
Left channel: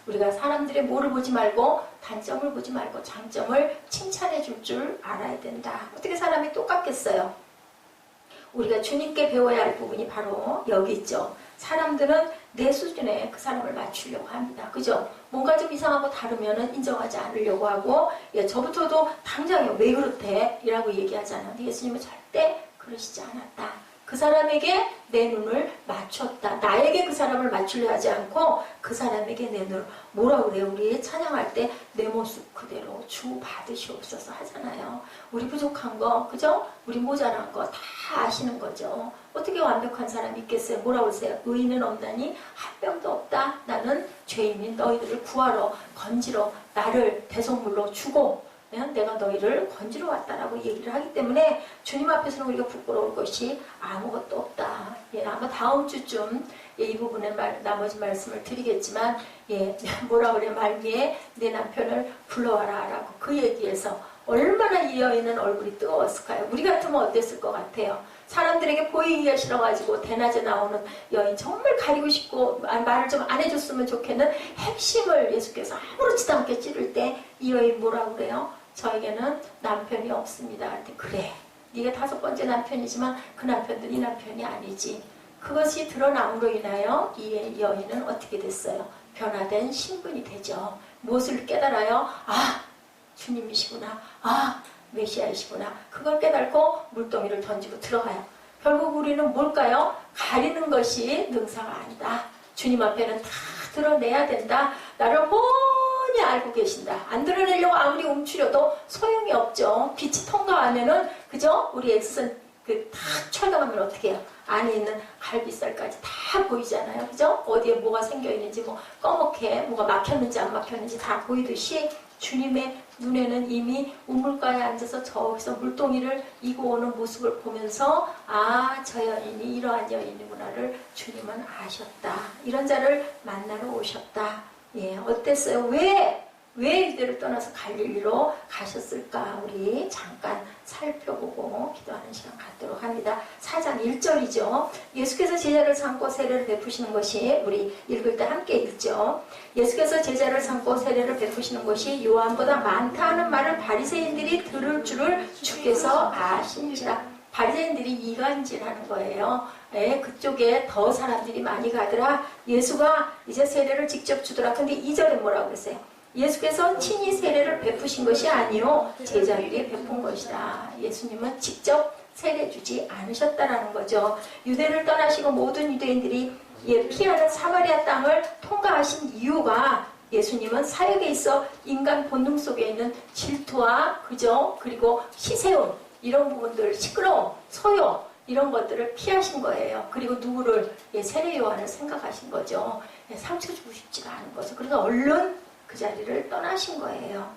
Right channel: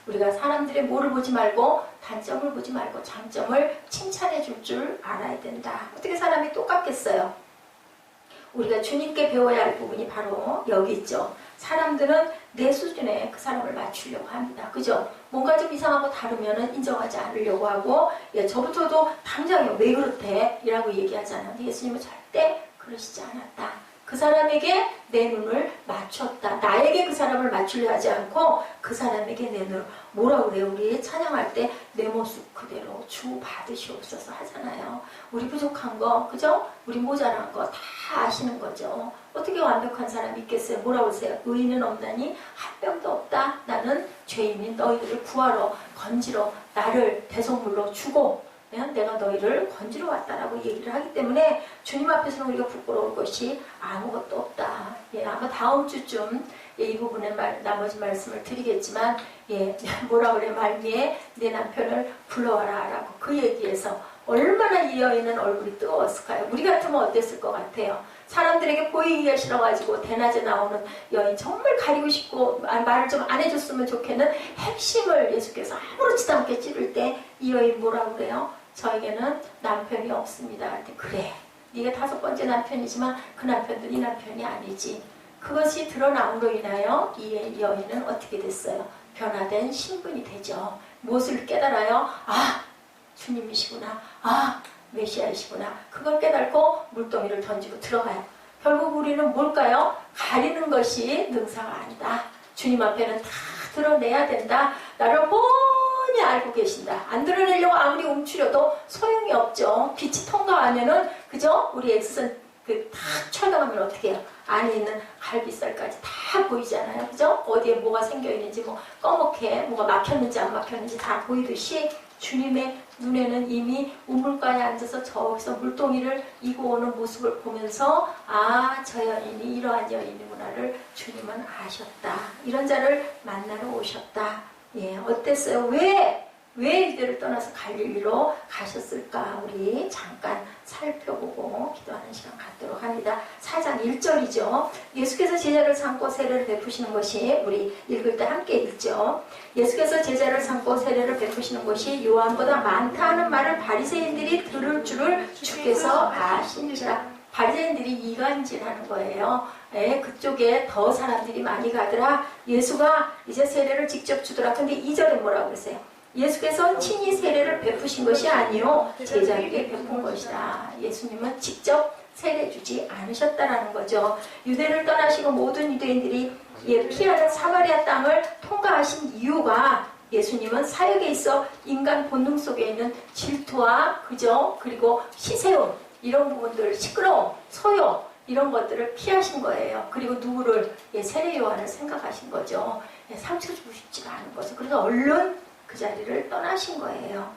우리가 사람들의 뭐를 보지 말고 단점을 보지 말고 장점을 칭찬해 줄 알아야 된다. 어떻게 사람이 똑같겠어요? 우리가 주님께 배워야 할 부분이 바로 여기 있죠. 사람들은 내 수준에 그 사람을 맞추려고 합니다. 그죠? 뭔가 좀 이상하고 다르면 인정하지 않으려고 하고 예, 저부터도 당장에 왜 그렇대? 이라고 얘기하잖아요. 근데 예수님은 절대 그러시지 않았다. 그 사람에게 내 눈을 맞췄다. 나에게 그 사람을 맞추려 하지 않고 그 사람에게 내 눈을 뭐라고 그래요? 우리 찬양할 때 내 모습 그대로 주 받으시옵소서 하잖아요. 우리 부족한 거 그죠? 우리 모자란 거 다 아시는 거죠. 어떻게 완벽한 사람이 있겠어요? 뭐라고 하세요? 의인은 없나니 한 명도 없다. 나는 죄인인 너희들을 구하러 건지러 나를 대속물로 주고 내가 너희를 건지러 왔다라고 얘기를 하기 때문에 주님 앞에서는 우리가 부끄러울 것이 아무것도 없다. 예, 아마 다음 주쯤 예, 이 부분에 나머지 말씀을 드리겠지만 예, 뭐라 그래 말미에 내 남편을 불러와라 라고 그 얘기에서 얼마나 이 여인은 얼굴이 뜨거웠을까요? 우리 같으면 어땠을 것 같아요? 사람들에게 보이기 위해 싫어가지고 대낮에 나오는 여인 정말 가리고 싶고 말을 좀 안 해줬으면 좋겠는 핵심을 예수께서 아무렇지도 않게 찌를 때 이 여인 뭐라고 그래요? 저에게는 남편이 없습니다. 그래. 네가 5번째 남편이지만 그 남편도 네 남편이 아니지. 그것이 드러남으로 인하여 이 여인은 어떻게 됐어요? 변화된 신분이 되죠. 무엇을 깨달아요? 아, 주님이시구나. 아, 메시아이시구나. 그걸 깨닫고 물동이를 던지고 들어가요. 결국 우리는 뭘까요? 가리는 것이 능사가 아니다. 주님 앞에는 다 드러내야 된다. 나를 뻔히 알고 계신다. 안 드러내려고 아무리 움츠려도 소용이 없죠. 빛이 통과하면은 그죠? 우리 엑스선 그 탁 철강하면 어떻게 해요? 안에 있는 갈비살까지 다 보이잖아요. 그죠? 어디에 뭐가 생겨 있는지, 뭐 꺼멓게 뭐가 막혔는지 안 막혔는지 다 보이듯이 주님의 눈에는 이미 우물가에 앉아서 저기서 물동이를 이고 오는 모습을 보면서 아, 저 여인이 이러한 여인이구나를 주님은 아셨다. 이런 자를 만나러 오셨다. 예, 어땠어요? 왜 이들을 떠나서 갈릴리로 가셨을까? 우리 잠깐 살펴보고 기도하는 시간 갖도록 합니다. 4장 1절이죠. 예수께서 제자를 삼고 세례를 베푸시는 것이, 우리 읽을 때 함께 읽죠. 예수께서 제자를 삼고 세례를 베푸시는 것이 요한보다 많다 하는 말을 바리새인들이 들을 줄을 주께서 아신지라. 바리새인들이 이간질하는 거예요. 예, 그쪽에 더 사람들이 많이 가더라. 예수가 이제 세례를 직접 주더라. 근데 2절에 뭐라고 그랬어요? 예수께서 친히 세례를 베푸신 것이 아니요 제자에게 베푼 것이다. 예수님은 직접 세례 주지 않으셨다라는 거죠. 유대를 떠나시고 모든 유대인들이 피하는 사마리아 땅을 통과하신 이유가 예수님은 사역에 있어 인간 본능 속에 있는 질투와 그죠? 그리고 시세움 이런 부분들, 시끄러움, 소요 이런 것들을 피하신 거예요. 그리고 누구를? 세례 요한을 생각하신 거죠. 상처 주고 싶지가 않은 거죠. 그래서 얼른 그 자리를 떠나신 거예요.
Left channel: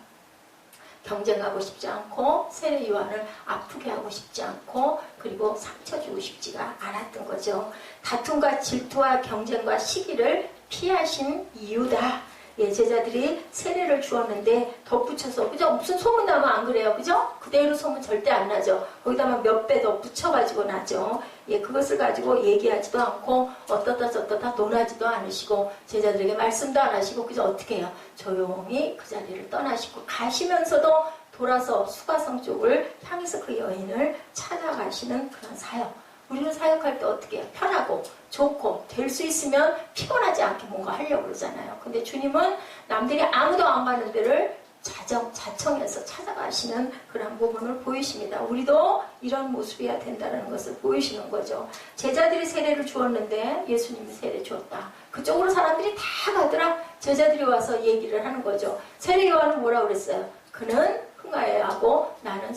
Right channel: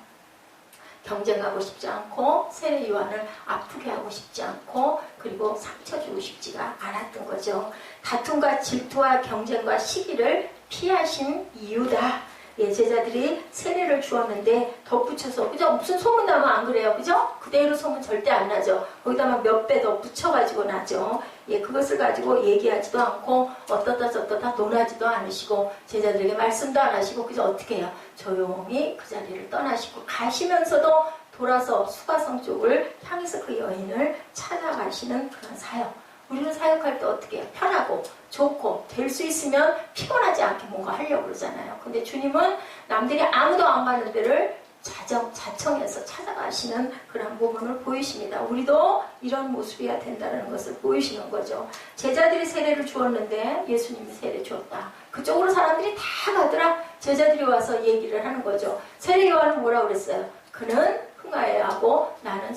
경쟁하고 싶지 않고 세례 요한을 아프게 하고 싶지 않고 그리고 상처 주고 싶지가 않았던 거죠. 다툼과 질투와 경쟁과 시기를 피하신 이유다. 예, 제자들이 세례를 주었는데 덧붙여서 그죠? 무슨 소문 나면 안 그래요, 그죠? 그대로 소문 절대 안 나죠. 거기다가 몇 배 더 붙여가지고 나죠. 예, 그것을 가지고 얘기하지도 않고 어떻다 저떻다 논하지도 않으시고 제자들에게 말씀도 안 하시고 그죠? 어떻게 해요? 조용히 그 자리를 떠나시고 가시면서도 돌아서 수가성 쪽을 향해서 그 여인을 찾아가시는 그런 사역. 우리는 사역할 때 어떻게 해요? 편하고 좋고 될 수 있으면 피곤하지 않게 뭔가 하려고 그러잖아요. 근데 주님은 남들이 아무도 안 가는 데를 자청해서 찾아가시는 그런 부분을 보이십니다. 우리도 이런 모습이어야 된다는 것을 보이시는 거죠. 제자들이 세례를 주었는데 예수님이 세례 주었다. 그쪽으로 사람들이 다 가더라. 제자들이 와서 얘기를 하는 거죠. 세례 요한은 뭐라고 그랬어요? 그는 흥하여야 하고 나는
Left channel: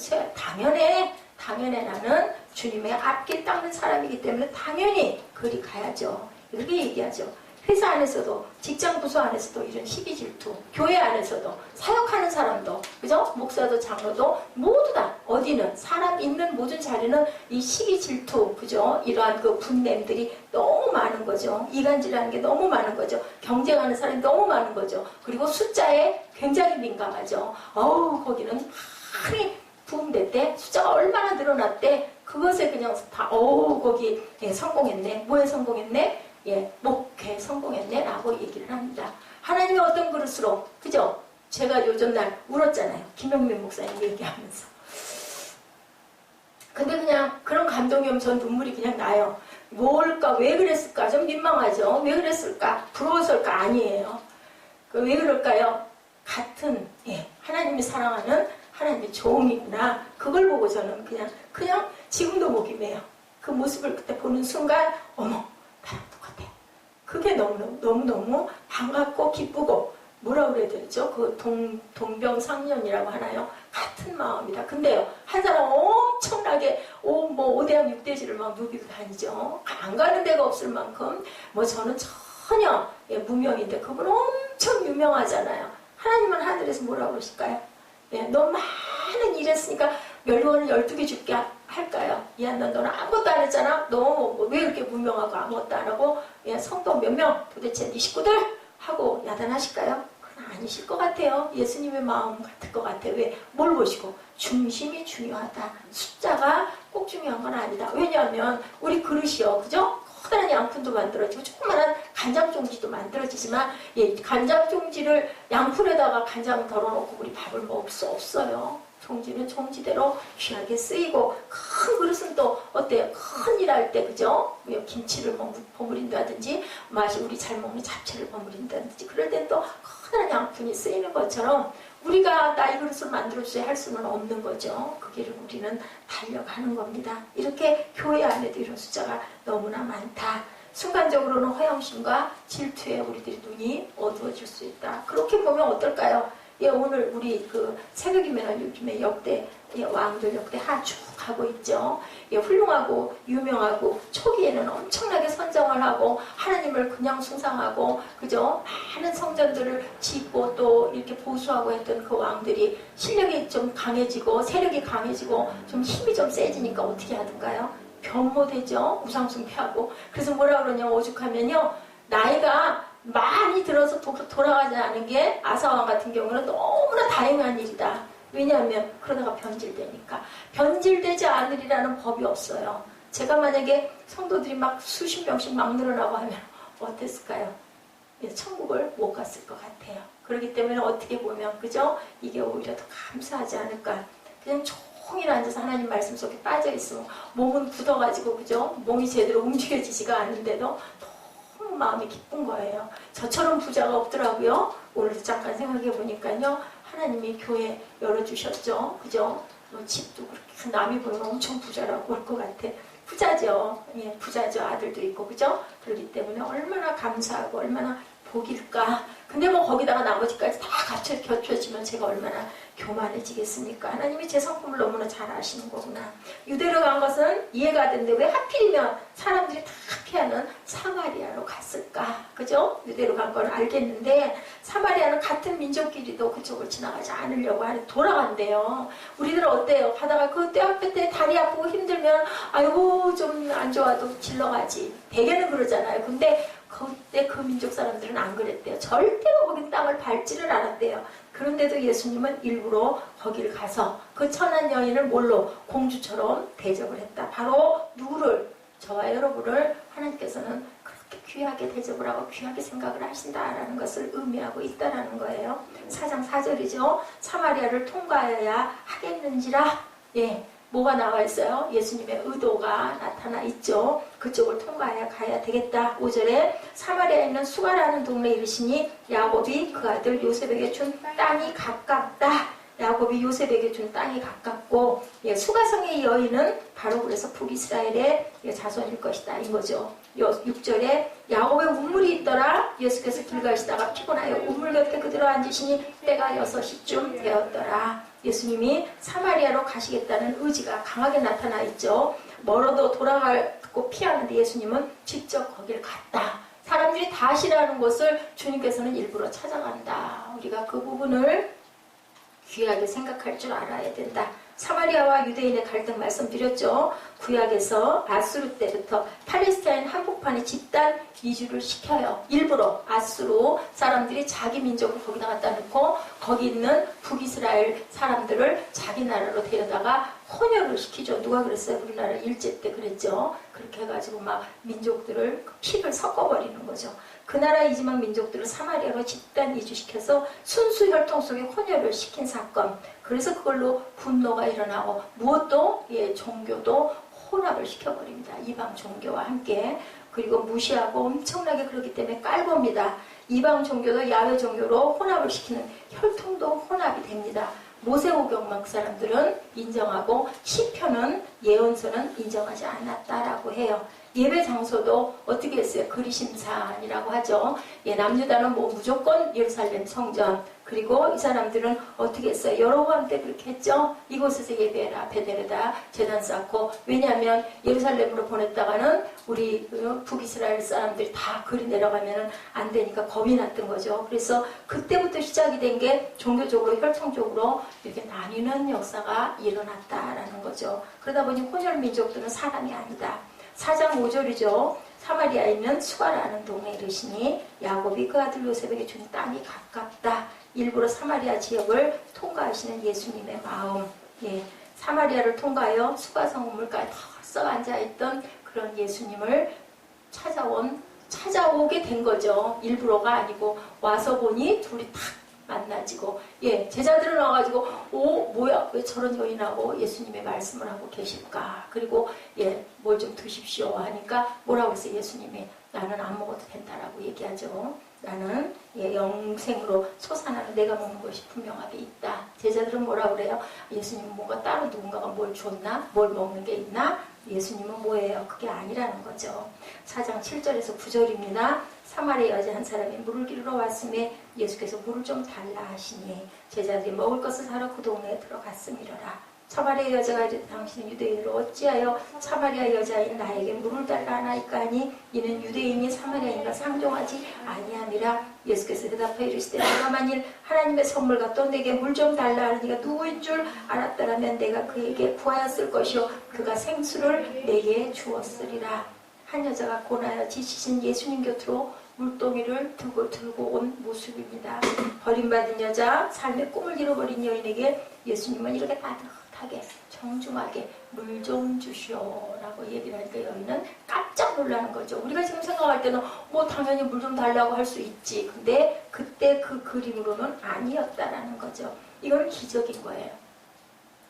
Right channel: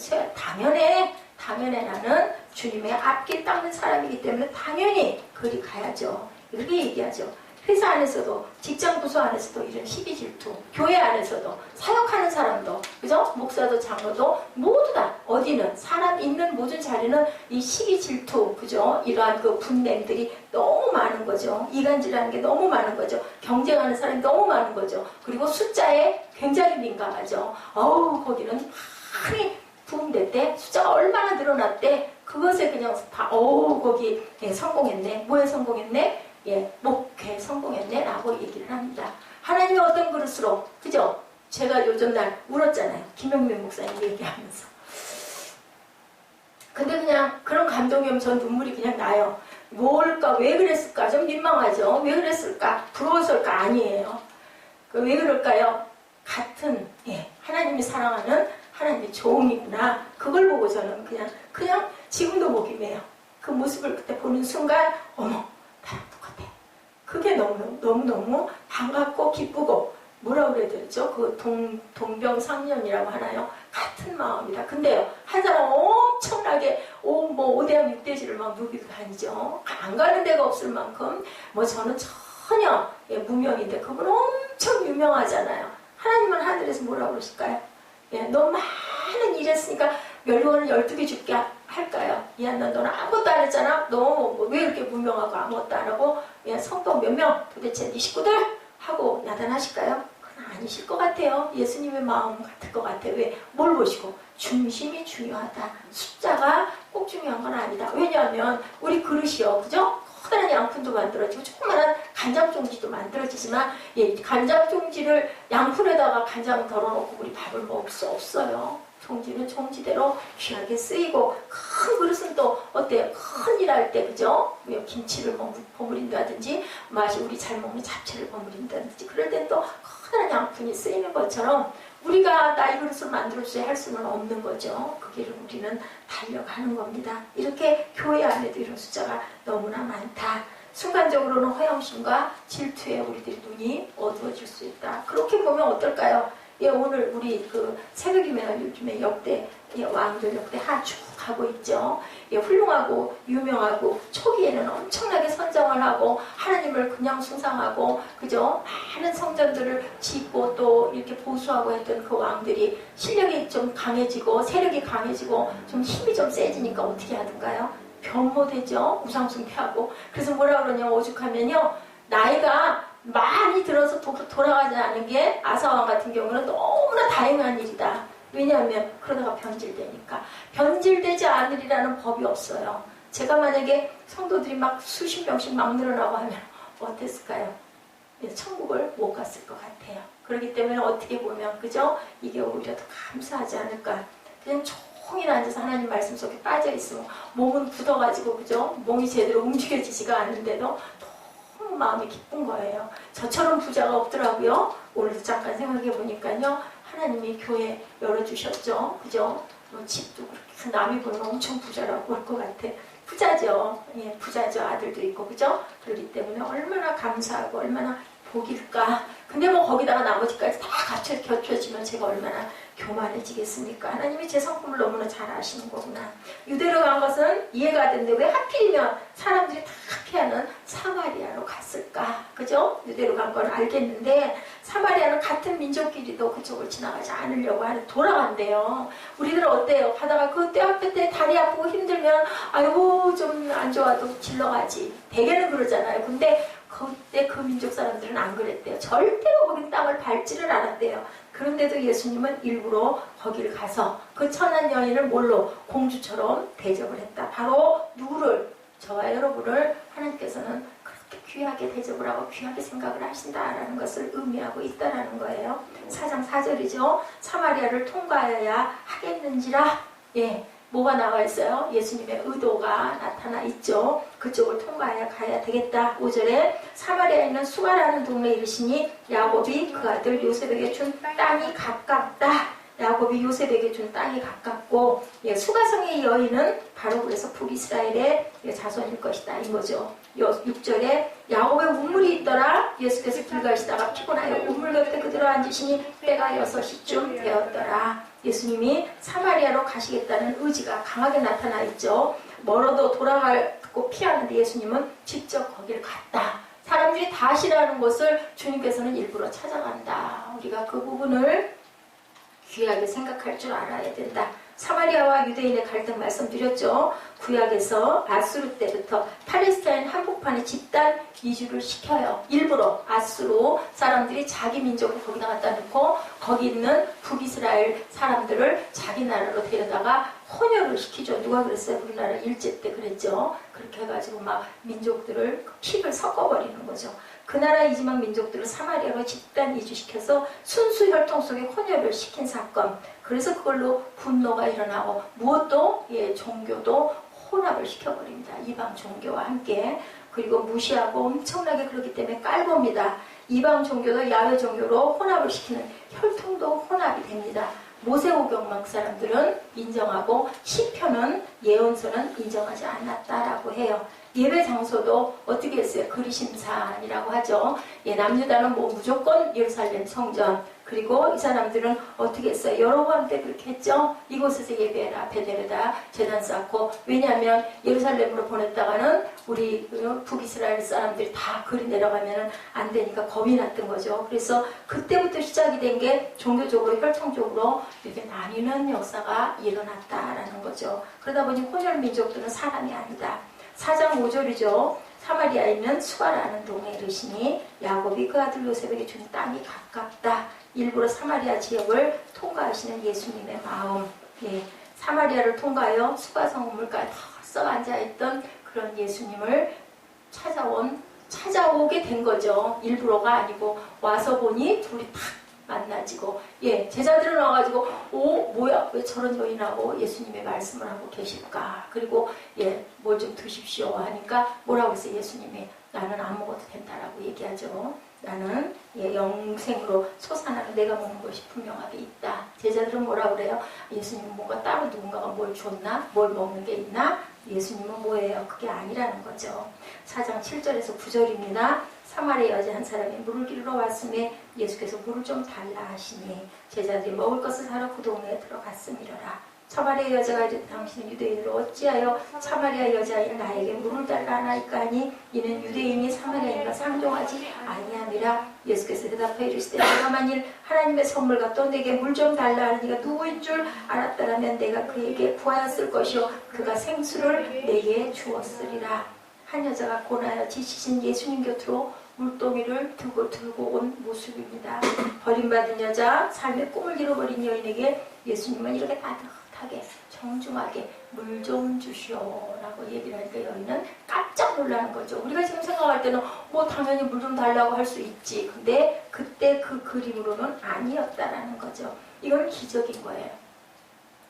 당연히 나는 주님의 앞길 닦는 사람이기 때문에 당연히 그리 가야죠. 이렇게 얘기하죠. 회사 안에서도, 직장 부서 안에서도 이런 시기 질투, 교회 안에서도, 사역하는 사람도, 그죠? 목사도 장로도 모두 다 어디는 사람 있는 모든 자리는 이 시기 질투, 그죠? 이러한 그 분냄들이 너무 많은 거죠. 이간질하는 게 너무 많은 거죠. 경쟁하는 사람이 너무 많은 거죠. 그리고 숫자에 굉장히 민감하죠. 거기는 많이 부흥될 때 숫자가 얼마나 늘어났대. 그것에 그냥 다 거기 성공했네. 뭐에 성공했네? 목회에 성공했네 라고 얘기를 합니다. 하나님이 어떤 그릇으로, 그죠? 제가 요즘 날 울었잖아요. 김영민 목사님 얘기하면서. 근데 그냥 그런 감동이 오면 전 눈물이 그냥 나요. 뭘까? 왜 그랬을까? 좀 민망하죠. 왜 그랬을까? 부러워서일까? 아니에요. 왜 그럴까요? 같은 하나님이 사랑하는 하나님의 종이구나. 그걸 보고 저는 그냥 지금도 목이 메요. 그 모습을 그때 보는 순간 어머 나랑 똑같아. 그게 너무너무 반갑고 기쁘고 뭐라고 그래야 되죠? 그 동병상련이라고 하나요? 같은 마음이다. 근데요, 한 사람 엄청나게 5대양 6대지를 막 누비고 다니죠. 안 가는 데가 없을 만큼 저는 전혀 무명인데 그분 엄청 유명하잖아요. 하나님은 하늘에서 뭐라고 그러실까요? 너 많은 일 했으니까 멸류관을 12개 줄게 할까요? 너는 아무것도 안 했잖아? 너 왜 이렇게 무명하고 아무것도 안 하고 성도 몇 명? 도대체 네 식구들? 하고 야단하실까요? 그건 아니실 것 같아요. 예수님의 마음 같을 것 같아요. 왜? 뭘 보시고? 중심이 중요하다. 숫자가 꼭 중요한 건 아니다. 왜냐하면 우리 그릇이요. 그죠? 커다란 양푼도 만들어지고 조그만한 간장종지도 만들어지지만 간장종지를 양푼에다가 간장 덜어놓고 우리 밥을 먹을 수 없어요. 종지는 종지대로 귀하게 쓰이고 큰 그릇은 또 어때요? 큰 일 할 때 그죠? 김치를 버무린다든지 맛이 우리 잘 먹는 잡채를 버무린다든지 그럴 땐 또 커다란 양푼이 쓰이는 것처럼 우리가 나 이 그릇을 만들어주세요 할 수는 없는 거죠. 그 길을 우리는 달려가는 겁니다. 이렇게 교회 안에도 이런 숫자가 너무나 많다. 순간적으로는 허영심과 질투에 우리들이 눈이 어두워질 수 있다. 그렇게 보면 어떨까요? 예, 오늘 우리 그 새벽이면 요즘에 역대 예, 왕들 역대 하쭉 가고 있죠. 예, 훌륭하고 유명하고 초기에는 엄청나게 선정을 하고 하나님을 그냥 숭상하고 그죠? 많은 성전들을 짓고 또 이렇게 보수하고 했던 그 왕들이 실력이 좀 강해지고 세력이 강해지고 좀 힘이 좀 세지니까 어떻게 하던가요? 변모되죠. 우상숭배하고. 그래서 뭐라 그러냐 오죽하면요. 나이가 많이 들어서 돌아가지 않은 게 아사왕 같은 경우는 너무나 다행한 일이다. 왜냐하면 그러다가 변질되니까. 변질되지 않으리라는 법이 없어요. 제가 만약에 성도들이 막 수십 명씩 막 늘어나고 하면 어땠을까요? 천국을 못 갔을 것 같아요. 그렇기 때문에 어떻게 보면 그죠? 이게 오히려 더 감사하지 않을까. 그냥 종일 앉아서 하나님 말씀 속에 빠져 있으면 몸은 굳어가지고 그죠? 몸이 제대로 움직여지지가 않는데도 너무 마음이 기쁜 거예요. 저처럼 부자가 없더라고요. 오늘도 잠깐 생각해 보니까요. 하나님이 교회 열어주셨죠. 그죠? 집도 그렇게 남이 보면 엄청 부자라고 볼 것 같아. 부자죠. 예, 부자죠. 아들도 있고 그죠? 그렇기 때문에 얼마나 감사하고 얼마나 복일까. 근데 뭐 거기다가 나머지까지 다 갖춰지면 제가 얼마나 교만해지겠습니까? 하나님이 제 성품을 너무나 잘 아시는 거구나. 유대로 간 것은 이해가 되는데 왜 하필이면 사람들이 다 피하는 사마리아로 갔을까? 그죠? 유대로 간 건 알겠는데 사마리아는 같은 민족끼리도 그쪽을 지나가지 않으려고 하는 돌아간대요. 우리들은 어때요? 가다가 그 떼앞에 때 다리 아프고 힘들면 아이고 좀 안 좋아도 질러가지. 대개는 그러잖아요. 근데 그때 그 민족 사람들은 안 그랬대요. 절대로 거기 땅을 밟지를 않았대요. 그런데도 예수님은 일부러 거기를 가서 그 천한 여인을 뭘로 공주처럼 대접을 했다. 바로 누구를? 저와 여러분을 하나님께서는 그렇게 귀하게 대접을 하고 귀하게 생각을 하신다라는 것을 의미하고 있다라는 거예요. 4장 4절이죠. 사마리아를 통과해야 하겠는지라. 예. 뭐가 나와 있어요? 예수님의 의도가 나타나 있죠. 그쪽을 통과해야 가야 되겠다. 5절에 사마리아에 있는 수가라는 동네에 이르시니 야곱이 그 아들 요셉에게 준 땅이 가깝다. 야곱이 요셉에게 준 땅이 가깝고 예, 수가성의 여인은 바로 그래서 북이스라엘의 자손일 것이다. 이거죠. 6절에 야곱의 우물이 있더라. 예수께서 길 가시다가 피곤하여 우물 곁에 그대로 앉으시니 때가 6시쯤 되었더라. 예수님이 사마리아로 가시겠다는 의지가 강하게 나타나 있죠. 멀어도 돌아가고 피하는데 예수님은 직접 거기를 갔다. 사람들이 다 싫어하는 곳을 주님께서는 일부러 찾아간다. 우리가 그 부분을 귀하게 생각할 줄 알아야 된다. 사마리아와 유대인의 갈등 말씀드렸죠. 구약에서 아수르 때부터 팔레스타인 한복판에 집단 이주를 시켜요. 일부러 아수르 사람들이 자기 민족을 거기다 갖다 놓고 거기 있는 북이스라엘 사람들을 자기 나라로 데려다가 혼혈을 시키죠. 누가 그랬어요? 우리나라 일제 때 그랬죠. 그렇게 해가지고 막 민족들을 피를 섞어버리는 거죠. 그 나라 이지막 민족들을 사마리아로 집단 이주시켜서 순수 혈통 속에 혼혈을 시킨 사건. 그래서 그걸로 분노가 일어나고 무엇도 종교도 혼합을 시켜버립니다. 이방 종교와 함께. 그리고 무시하고 엄청나게 그렇기 때문에 깔봅니다. 이방 종교도 야훼 종교로 혼합을 시키는 혈통도 혼합이 됩니다. 모세오경 막 사람들은 인정하고 시편은 예언서는 인정하지 않았다라고 해요. 예배 장소도 어떻게 했어요? 그리심산이라고 하죠. 남유다는 뭐 무조건 예루살렘 성전. 그리고 이 사람들은 어떻게 했어요? 여로보암 때 그렇게 했죠. 이곳에서 예배해라. 베델에다 제단 쌓고. 왜냐하면 예루살렘으로 보냈다가는 우리 북이스라엘 사람들이 다 그리 내려가면 안 되니까 겁이 났던 거죠. 그래서 그때부터 시작이 된 게 종교적으로 혈통적으로 이렇게 나뉘는 역사가 일어났다라는 거죠. 그러다 보니 혼혈 민족들은 사람이 아니다. 4장 5절이죠. 사마리아에 있는 수가라는 동네에 이르시니 야곱이 그 아들 요셉에게 준 땅이 가깝다. 일부러 사마리아 지역을 통과하시는 예수님의 마음. 사마리아를 통과하여 수가성 우물가에 턱 앉아있던 그런 예수님을 찾아오게 된 거죠. 일부러가 아니고 와서 보니 둘이 탁 만나지고 제자들은 와가지고 뭐야 왜 저런 여인하고 예수님의 말씀을 하고 계실까. 그리고 뭘 좀 드십시오 하니까 뭐라고 했어요? 예수님이 나는 안 먹어도 된다라고 얘기하죠. 나는 영생으로 솟아나는 내가 먹는 것이 분명하게 있다. 제자들은 뭐라고 그래요? 예수님은 뭔가 따로 누군가가 뭘 줬나? 뭘 먹는 게 있나? 예수님은 뭐예요? 그게 아니라는 거죠. 4장 7절에서 9절입니다. 사마리아 여자 한 사람이 물을 기르러 왔음에 예수께서 물을 좀 달라 하시니 제자들이 먹을 것을 사러 그 동네에 들어갔음이러라. 사마리아 여자가 이르되 당신은 유대인으로 어찌하여 사마리아 여자인 나에게 물을 달라 하나이까 하니 이는 유대인이 사마리아인과 상종하지 아니함이라. 예수께서 대답하여 이르시되 내가 만일 하나님의 선물과 또 내게 물 좀 달라 하는 이가 누구인 줄 알았더라면 내가 그에게 구하였을 것이요 그가 생수를 내게 주었으리라. 한 여자가 고나여 지치신 예수님 곁으로 물동이를 들고 온 모습입니다. 버림받은 여자, 삶의 꿈을 잃어버린 여인에게 예수님은 이렇게 따뜻하게 정중하게 물 좀 주시오라고 얘기를 하니까 여인은 깜짝 놀라는 거죠. 우리가 지금 생각할 때는 뭐 당연히 물 좀 달라고 할 수 있지. 근데 그때 그 그림으로는 아니었다라는 거죠. 이건 기적인 거예요.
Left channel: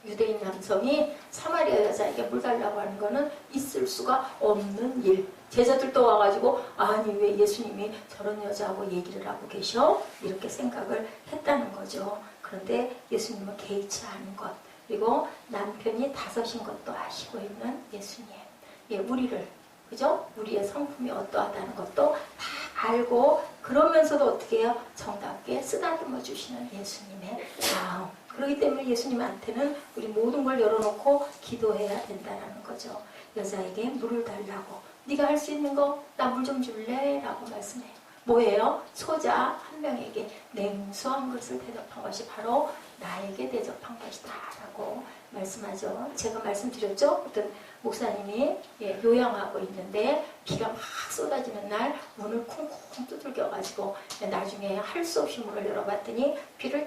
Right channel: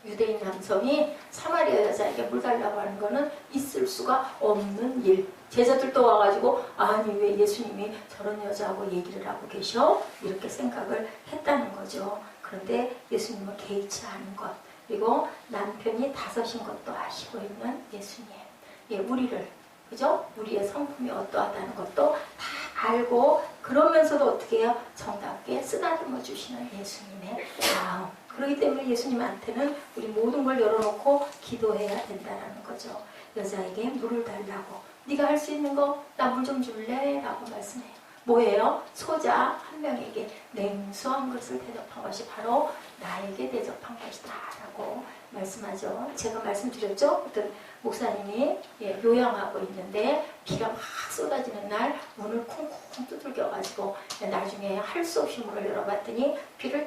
유대인 남성이 사마리아 여자에게 물 달라고 하는 거는 있을 수가 없는 일. 제자들도 와가지고 아니 왜 예수님이 저런 여자하고 얘기를 하고 계셔? 이렇게 생각을 했다는 거죠. 그런데 예수님은 개의치 않은 것, 그리고 남편이 5인 것도 아시고 있는 예수님. 예, 우리를, 그죠? 우리의 성품이 어떠하다는 것도 다 알고 그러면서도 어떻게 해요? 정답게 쓰다듬어 주시는 예수님의 마음. 그렇기 때문에 예수님한테는 우리 모든 걸 열어놓고 기도해야 된다는 거죠. 여자에게 물을 달라고. 네가 할 수 있는 거 나 물 좀 줄래? 라고 말씀해요. 뭐예요? 소자 한 명에게 냉수 한 그릇을 대접한 것이 바로 나에게 대접한 것이다 라고 말씀하죠. 제가 말씀드렸죠? 어떤 목사님이 요양하고 있는데 비가 막 쏟아지는 날 문을 쿵쿵 두들겨가지고 나중에 할 수 없이 문을 열어봤더니 비를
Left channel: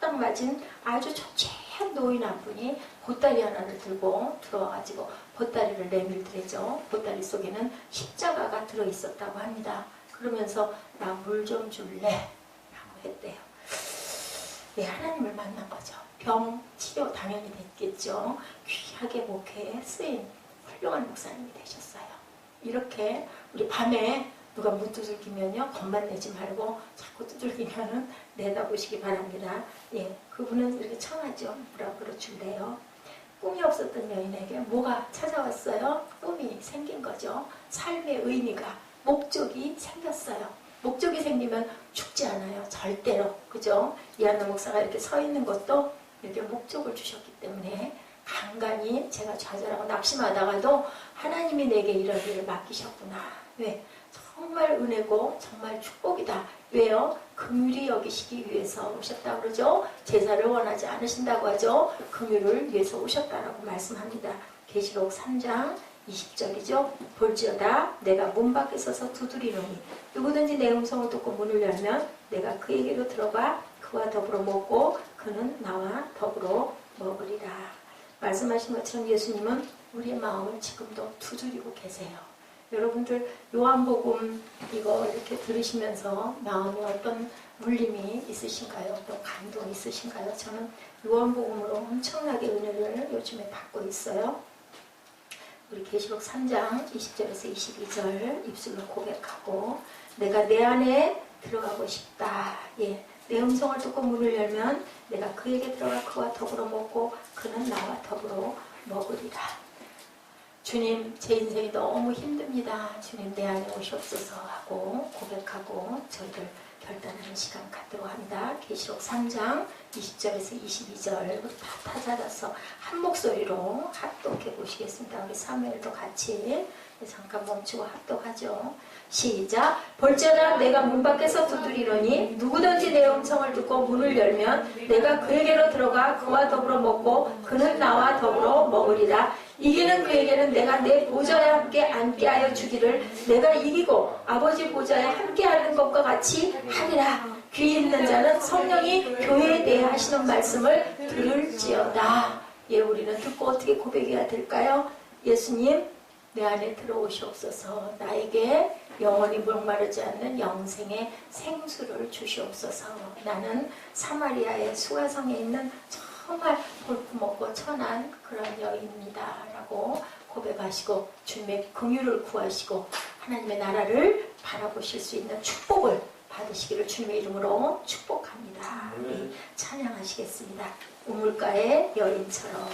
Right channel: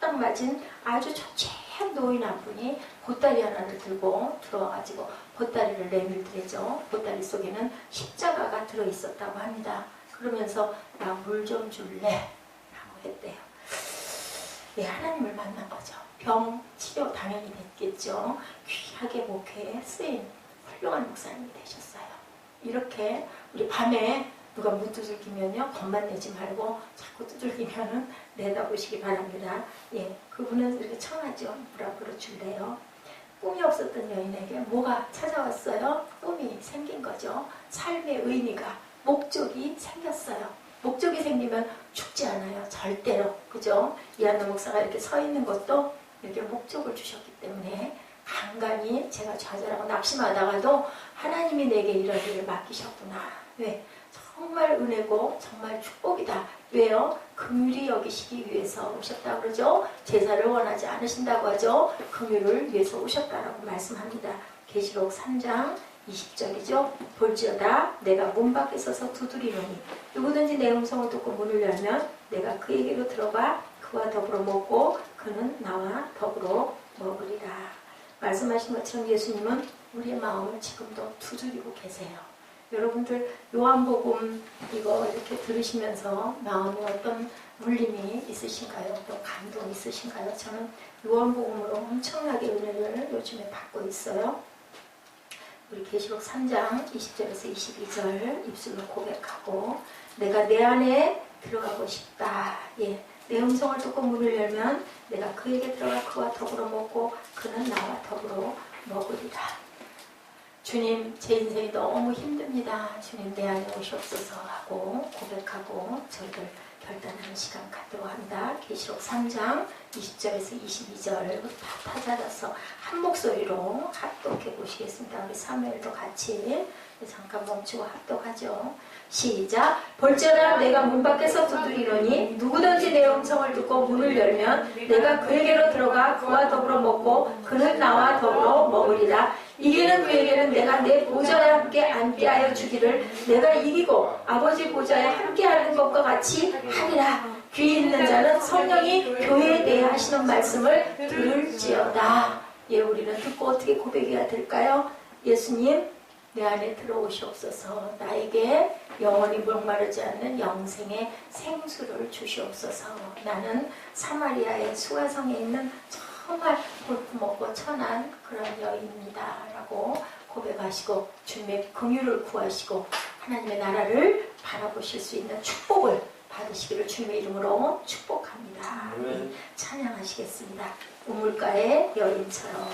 딱 맞은 아주 초췌한 노인 한 분이 보따리 하나를 들고 들어와가지고 보따리를 내밀더래죠. 보따리 속에는 십자가가 들어있었다고 합니다. 그러면서 나 물 좀 줄래? 라고 했대요. 네, 하나님을 만난 거죠. 병 치료 당연히 됐겠죠. 귀하게 목회에 쓰인 훌륭한 목사님이 되셨어요. 이렇게 우리 밤에 누가 문 두들기면요, 겁만 내지 말고 자꾸 두들기면은 내다보시기 바랍니다. 예, 그분은 이렇게 청하죠. 물 한 그릇 줄래요? 꿈이 없었던 여인에게 뭐가 찾아왔어요? 꿈이 생긴 거죠. 삶의 의미가, 목적이 생겼어요. 목적이 생기면 죽지 않아요. 절대로. 그죠? 이한나 목사가 이렇게 서 있는 것도 이렇게 목적을 주셨기 때문에 간간히 제가 좌절하고 낙심하다가도 하나님이 내게 이런 일을 맡기셨구나. 왜? 정말 은혜고 정말 축복이다. 왜요? 긍휼히 여기시기 위해서 오셨다고 그러죠. 제사를 원하지 않으신다고 하죠. 긍휼을 위해서 오셨다라고 말씀합니다. 계시록 3장 20절이죠. 볼지어다 내가 문 밖에 서서 두드리노니 누구든지 내 음성을 듣고 문을 열면 내가 그에게로 들어가 그와 더불어 먹고 그는 나와 더불어 먹으리라. 말씀하신 것처럼 예수님은 우리의 마음을 지금도 두드리고 계세요. 여러분들 요한복음 이거 이렇게 들으시면서 마음에 어떤 울림이 있으신가요? 또 감동이 있으신가요? 저는 요한복음으로 엄청나게 은혜를 요즘에 받고 있어요. 우리 계시록 3장 20절에서 22절 입술로 고백하고 내가 내 안에 들어가고 싶다. 예, 내 음성을 듣고 문을 열면 내가 그에게 들어가 그와 더불어 먹고 그는 나와 더불어 먹으리라. 주님, 제 인생이 너무 힘듭니다. 주님, 내 안에 오시옵소서 하고 고백하고 저희들 결단하는 시간 갖도록 합니다. 계시록 3장 20절에서 22절 다 찾아서 한 목소리로 합독해 보시겠습니다. 우리 사무엘도 같이 잠깐 멈추고 합독하죠. 시작. 볼지어다 내가 문 밖에서 두드리노니 누구든지 내 음성을 듣고 문을 열면 내가 그에게로 들어가 그와 더불어 먹고 그는 나와 더불어 먹으리라. 이기는 그에게는 내가 내 보좌에 함께 앉게 하여 주기를 내가 이기고 아버지 보좌에 함께 하는 것과 같이 하리라. 귀 있는 자는 성령이 교회에 대해 하시는 말씀을 들을지어다. 예, 우리는 듣고 어떻게 고백해야 될까요? 예수님, 내 안에 들어오시옵소서. 나에게 영원히 목마르지 않는 영생의 생수를 주시옵소서. 나는 사마리아의 수가성에 있는 정말 볼품없고 천한 그런 여인입니다. 라고 고백하시고 주님의 긍휼을 구하시고 하나님의 나라를 바라보실 수 있는 축복을 받으시기를 주님의 이름으로 축복합니다. 찬양하시겠습니다. 우물가의 여인처럼.